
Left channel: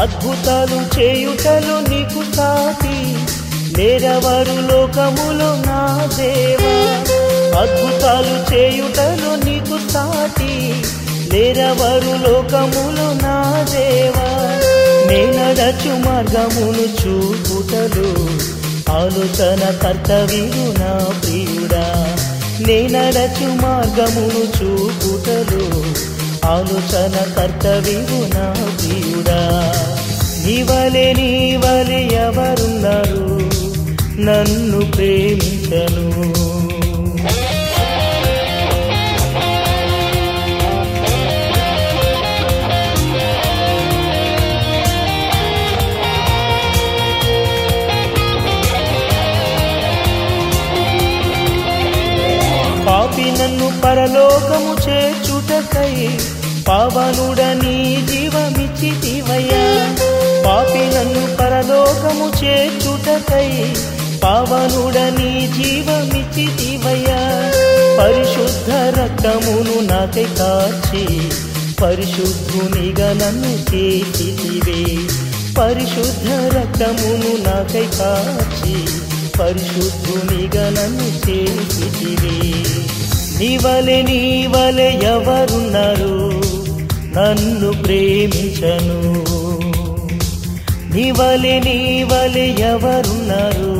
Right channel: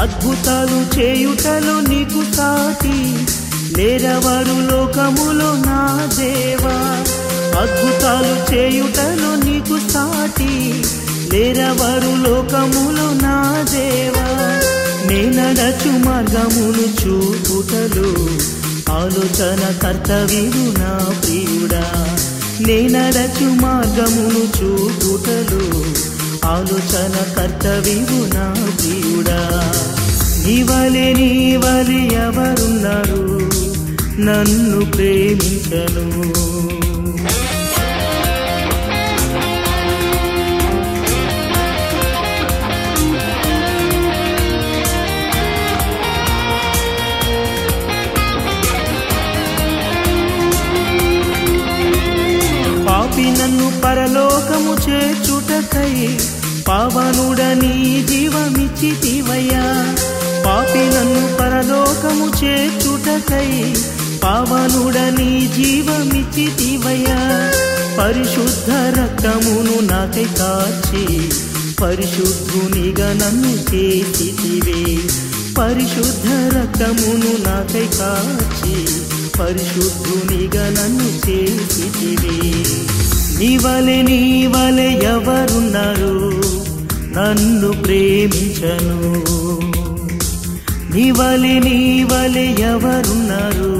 అద్భుతాలు చేయుటలో నీకు సాటి లేరవారు లోకములో నా దేవా. అద్భుతాలు చేయుటలో నీకు సాటి లేరవారు లోకములో నా దేవా. నేనడచు మార్గమును చూపుటలో ఆలోచన కర్తవ్యుడు నా ప్రియుడా. నేనడచు మార్గమును చూపుటలో ఆలోచన కర్తవ్యుడు నా ప్రియుడా. నీవలే ఎవరున్నారు నన్ను ప్రేమించను? పాపి నన్ను పరలోకము చేర్చుటకై పావనుడని జీవమిచ్చితివయ్యా. పాపి నన్ను పరలోకము చేర్చుటకై పావనుడని జీవమిచ్చితివయ్యా. పరిశుద్ధ రక్తమును నాకై కార్చి పరిశుద్ధునిగా నన్ను చేసితివే. పరిశుద్ధ రక్తమును నాకై కార్చి పరిశుద్ధునిగా నన్ను చేసితివే. నీవలే ఎవరున్నారు నన్ను ప్రేమించను? నీవలే ఎవరున్నారు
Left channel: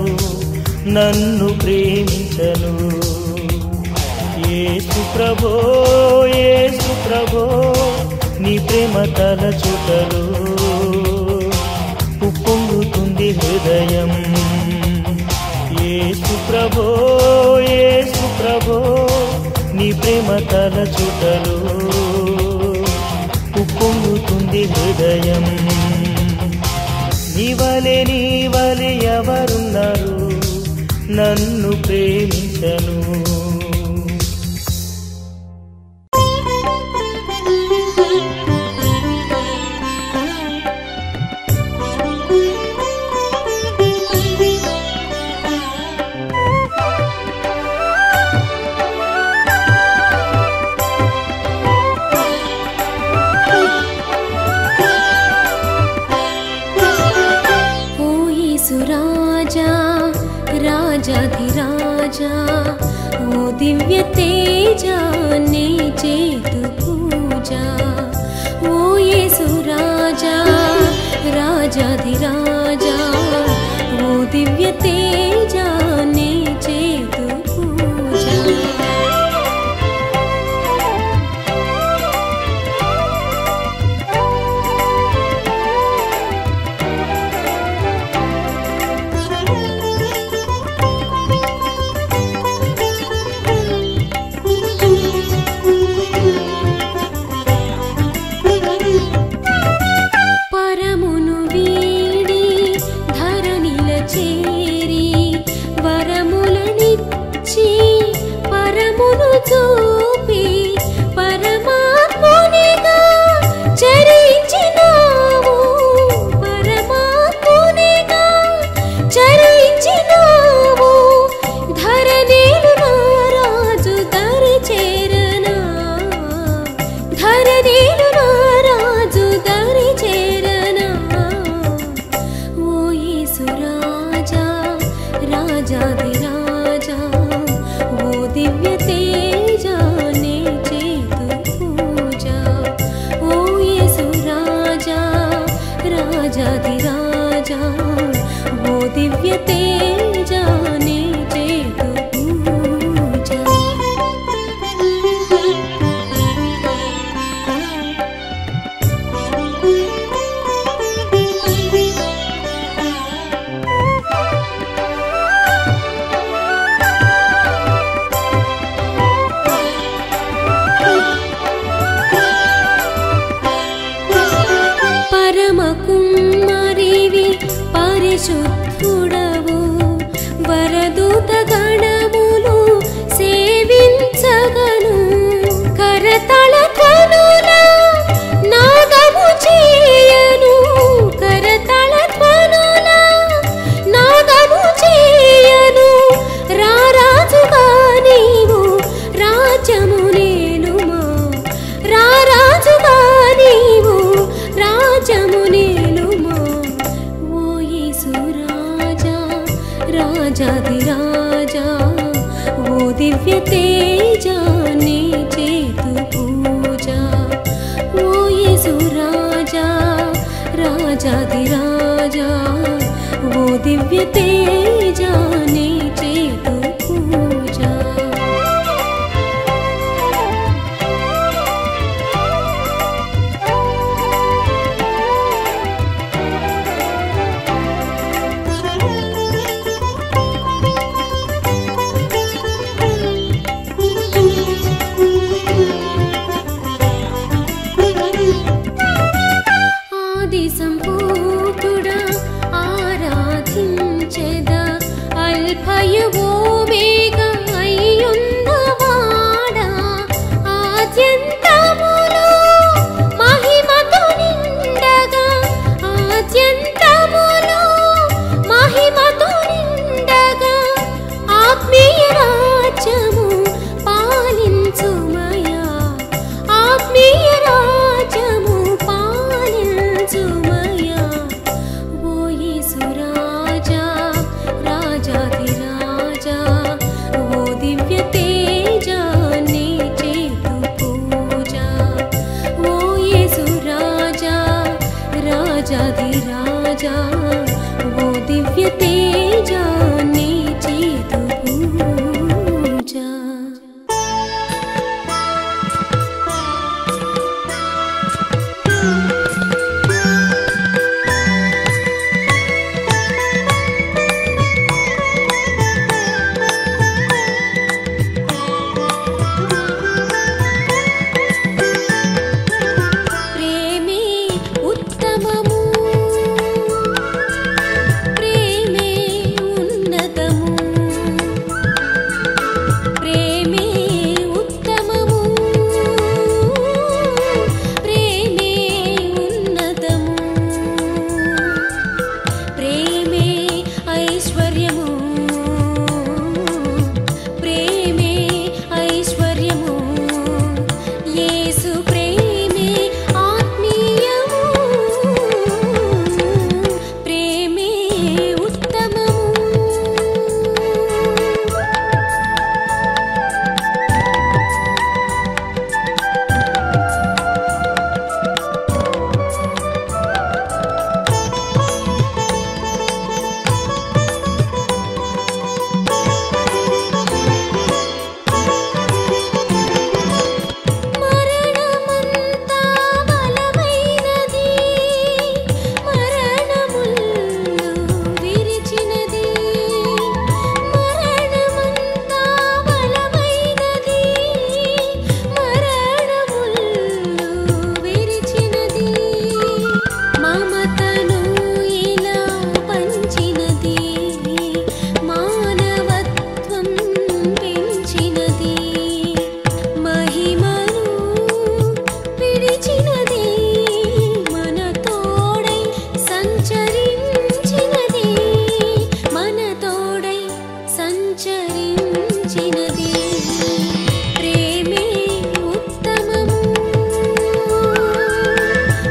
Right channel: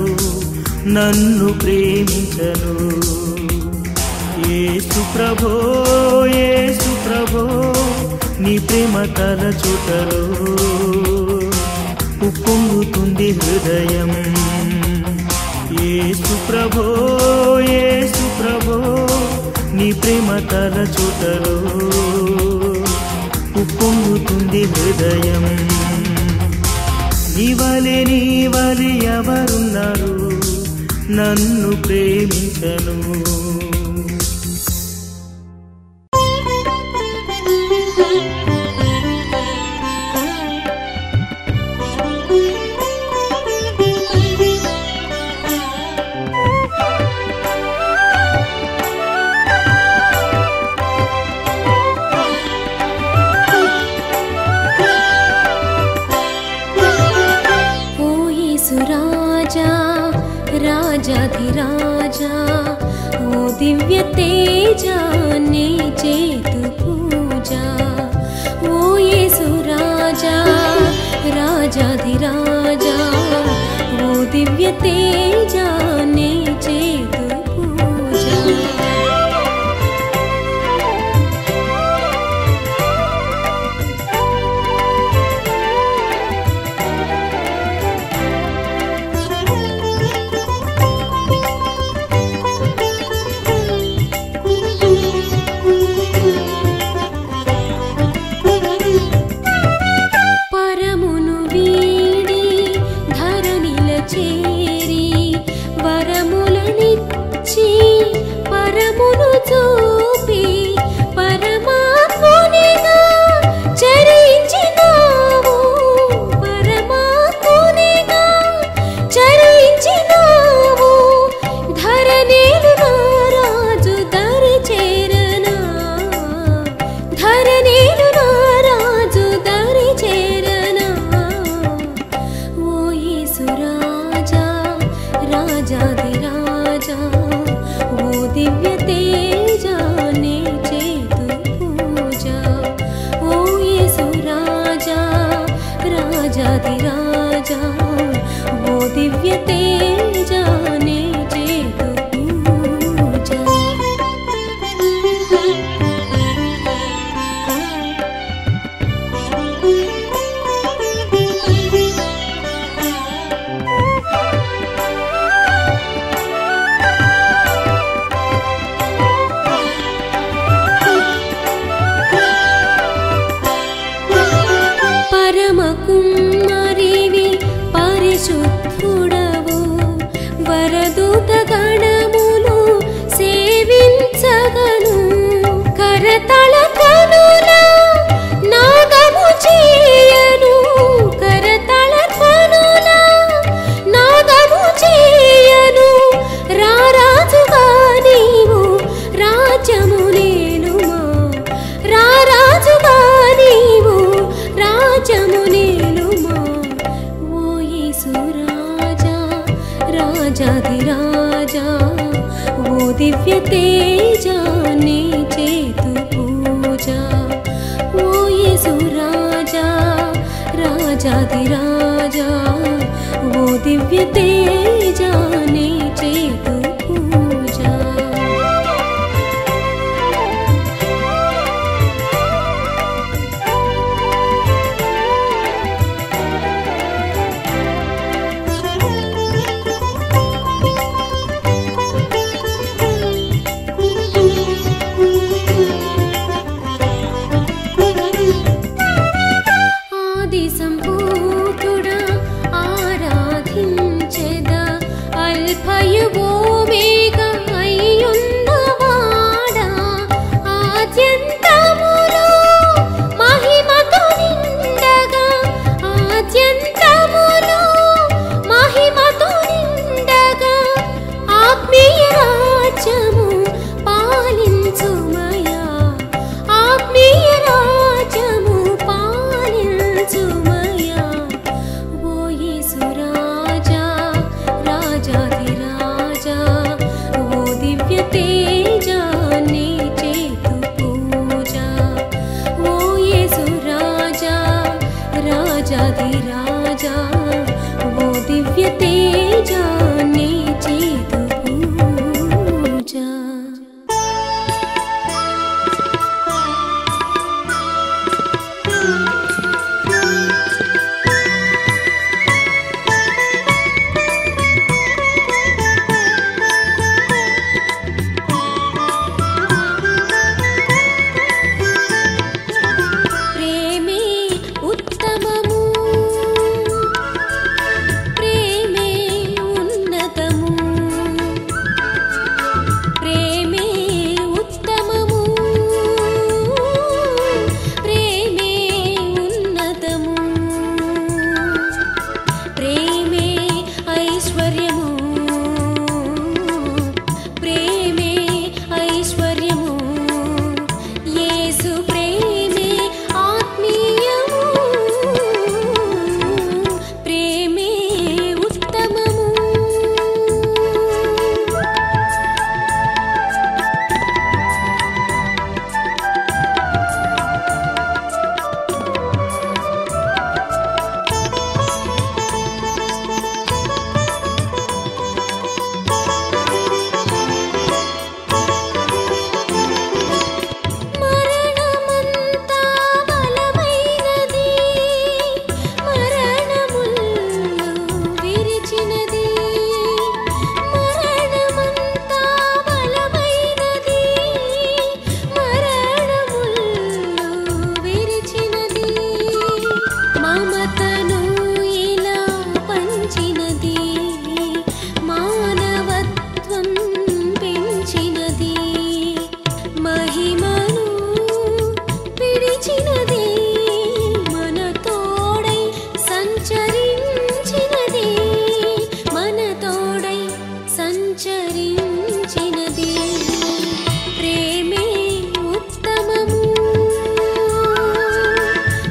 నన్ను ప్రేమించను? యేసు ప్రభో యేసు ప్రభో నీ ప్రేమ తలచుటలో ఉప్పొంగుతుంది హృదయం. యేసు ప్రభో యేసు ప్రభో నీ ప్రేమ తలచుటలో ఉప్పొంగుతుంది హృదయం. నీవలే ఎవరున్నారు నన్ను ప్రేమించను? రాజాధిరాజా ఓ దివ్య తేజా నీ చేతు పూజ. ఓ యేసు రాజా రాజాధిరాజా ఓ దివ్య తేజా నీ చేతు పూజ పరమును వీడి ధరణిల చేరి వరములనిచ్చి పరమును చూపి పరమాత్మునిగా చరించినావు పరమాత్మునిగా చరించినావు ధరణిలు నారాజు దరి చేరనా ధరణిలు నారాజు దరి చేరనా ఓ యేసురాజా రాజాధిరాజా ఓ దివ్య తేజా నీ చేతు పూజ ఓ యేసురాజా రాజాధిరాజా ఓ దివ్య తేజా నీ చేతు పూజ పరమ కుమ్మరివి పరిశుద్ధుడవు వరదూత గణములు సేవించగను కరతళ ధ్వనుల నాదము చేయను కరతళ ధ్వనుల నాదము చేయను రారాజుగా నీవు రాజ్యము నేలుమా రారాజుగా నీవు రాజ్యము నేలుమా ఓ యేసురాజా రాజాధిరాజా ఓ దివ్య తేజా నీ చేతు పూజ ఓ యేసురాజా రాజాధిరాజా ఓ దివ్య తేజా నీ చేతు పూజ ఆది సంపూర్ణుడా ఆరాధించెద అల్ఫయు ఓమేగా అయ్యున్నవాడా ఆద్యంతములో మహిమతో నిండగా ఆద్యంతములో మహిమతో నిండగా ఆత్మీయ రాజ్యము పాలించుమయా ఆత్మీయ రాజ్యము పాలించుమయా ఓ యేసురాజా రాజాధిరాజా ఓ దివ్య తేజా నీ చేతు పూజ ఓ యేసురాజా రాజాధిరాజా ఓ దివ్య తేజా నీ చేతు పూజ ప్రేమే ఉత్తమము ప్రేమే ఉన్నతము మమతను ఇలా పంచినది, మానవత్వం పెంచినది, మహిమను విడిచినది, మన తోడై సంచరించినది, మన తోడై సంచరించినది. ప్రేమే ఉత్తమము,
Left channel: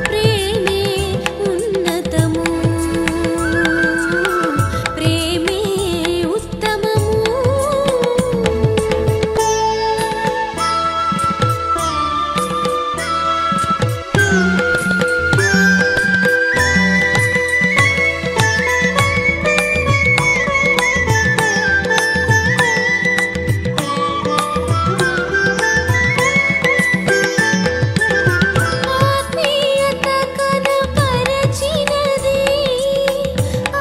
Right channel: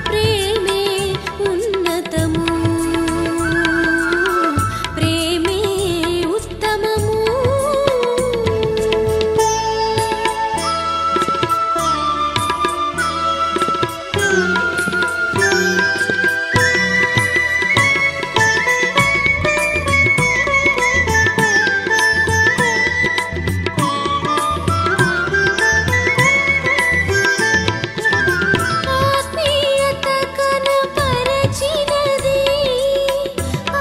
ప్రేమే ఉన్నతము, ప్రేమే ఉత్తమము. ఆత్మీయత కనపరచినది,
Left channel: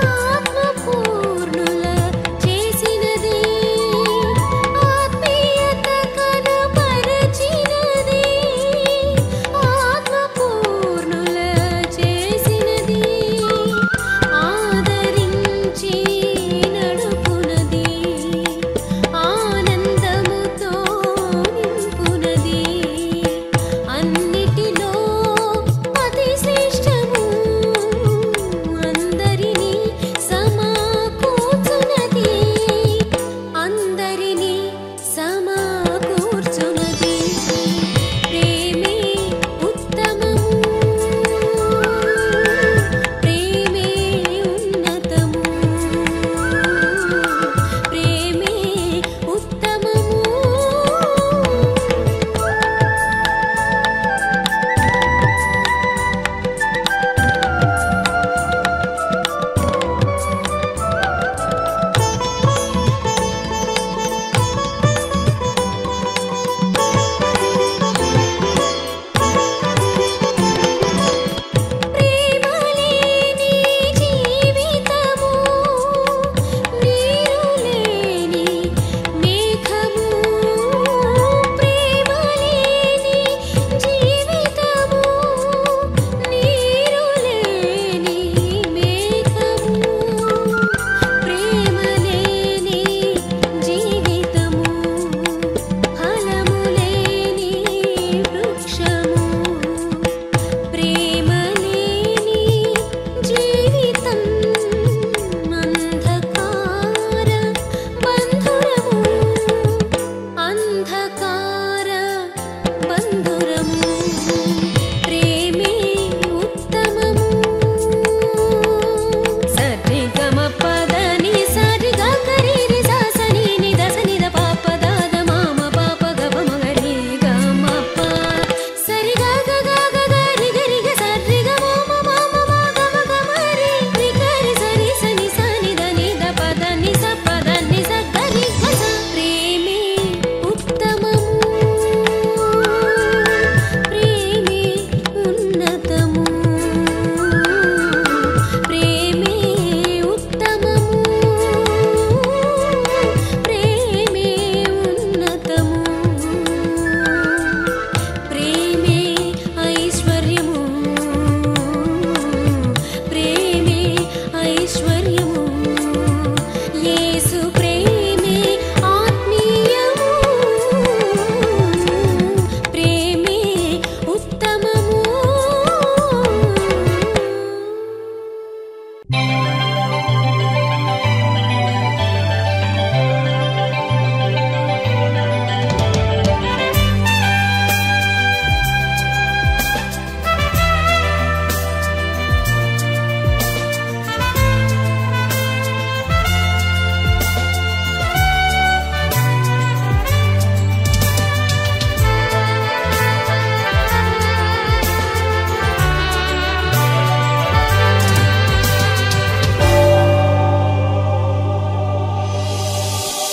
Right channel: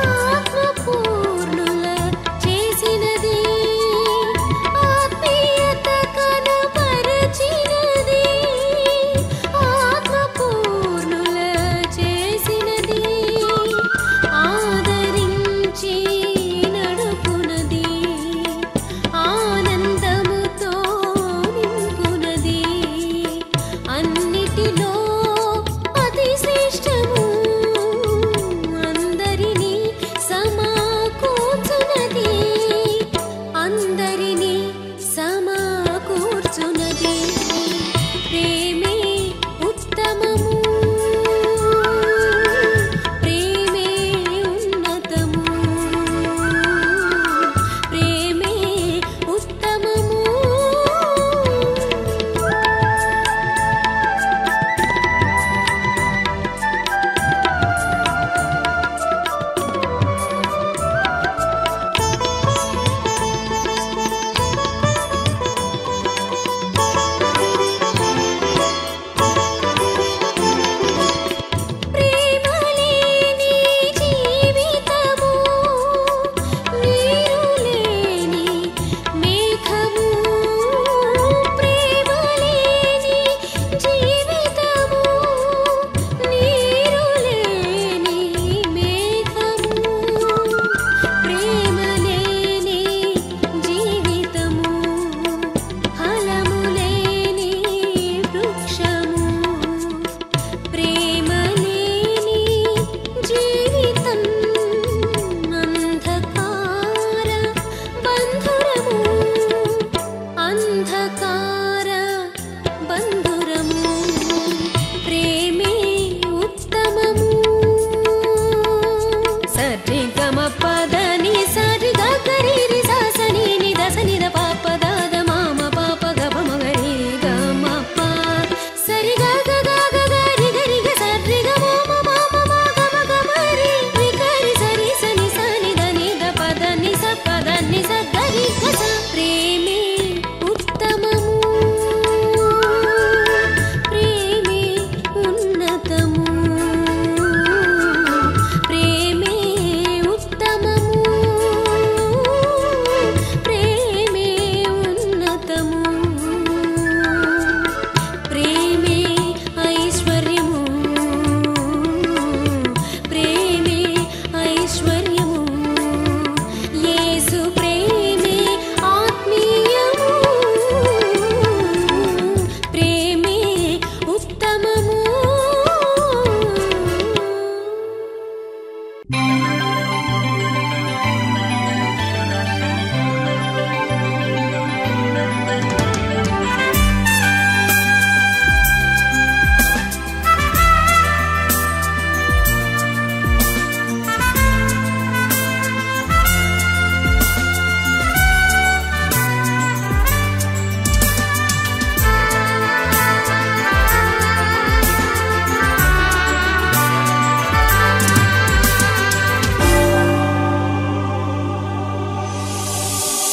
ఆత్మపూర్ణుల చేసినది, ఆత్మీయత కనపరచినది, ఆత్మపూర్ణుల చేసినది, ఆదరించి నడుపునది, ఆనందముతో నింపునది, అన్నిటిలో అతి శ్రేష్టము, అందరినీ సమకూర్చునది, అందరినీ సమకూర్చునది. ప్రేమే ఉత్తమము, ప్రేమే ఉన్నతము, ప్రేమే ఉత్తమము. ప్రేమలేని జీవితము, నీరు లేని మేఘము, ప్రేమలేని జీవితము, నీరు లేని మేఘము, ప్రేమలేని జీవితము, ఫలము లేని వృక్షము, ప్రేమలేని జీవితం అంధకార బంధురము, అంధకార బంధురము. ప్రేమే ఉత్తమము. సరిగమ పదని సరిగా కరీరి సాసని నిదసని ద పాప దాద మామ పాప గప మగరి గమప సరిగా గగా గరి గరి గ సరిగ మమ మామ గమ గమరి రికరి సరి సని సని దని ద పదని స పదని స గరి గస. ప్రేమే ఉత్తమము, ప్రేమే ఉన్నతము, ప్రేమే ఉత్తమము, ప్రేమే ఉన్నతము, ప్రేమే ఐశ్వర్యము, ప్రేమే ఐశ్వర్యము, యేసు ప్రేమే ఆత్మీయము, ప్రేమే ఉత్తమము.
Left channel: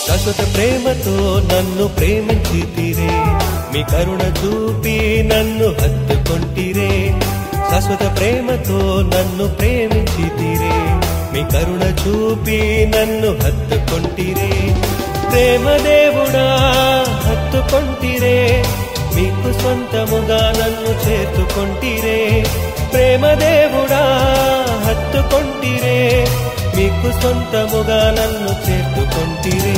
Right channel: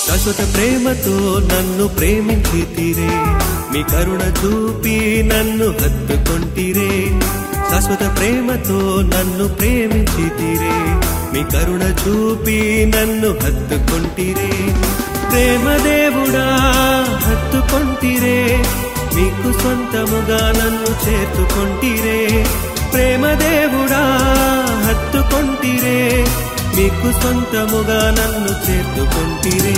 శాశ్వత ప్రేమతో నన్ను ప్రేమించితిరే, మీ కరుణ చూపి నన్ను హత్తుకొంటిరే. శాశ్వత ప్రేమతో నన్ను ప్రేమించితిరే, మీ కరుణ చూపి నన్ను హత్తుకొంటిరే. ప్రేమ దేవుడా హత్తుకొంటిరే, మీకు సొంతముగా నన్ను చేర్చుకొంటిరే. ప్రేమ దేవుడా హత్తుకొంటిరే మీకు సొంతముగా నన్ను చేర్చుకొంటిరే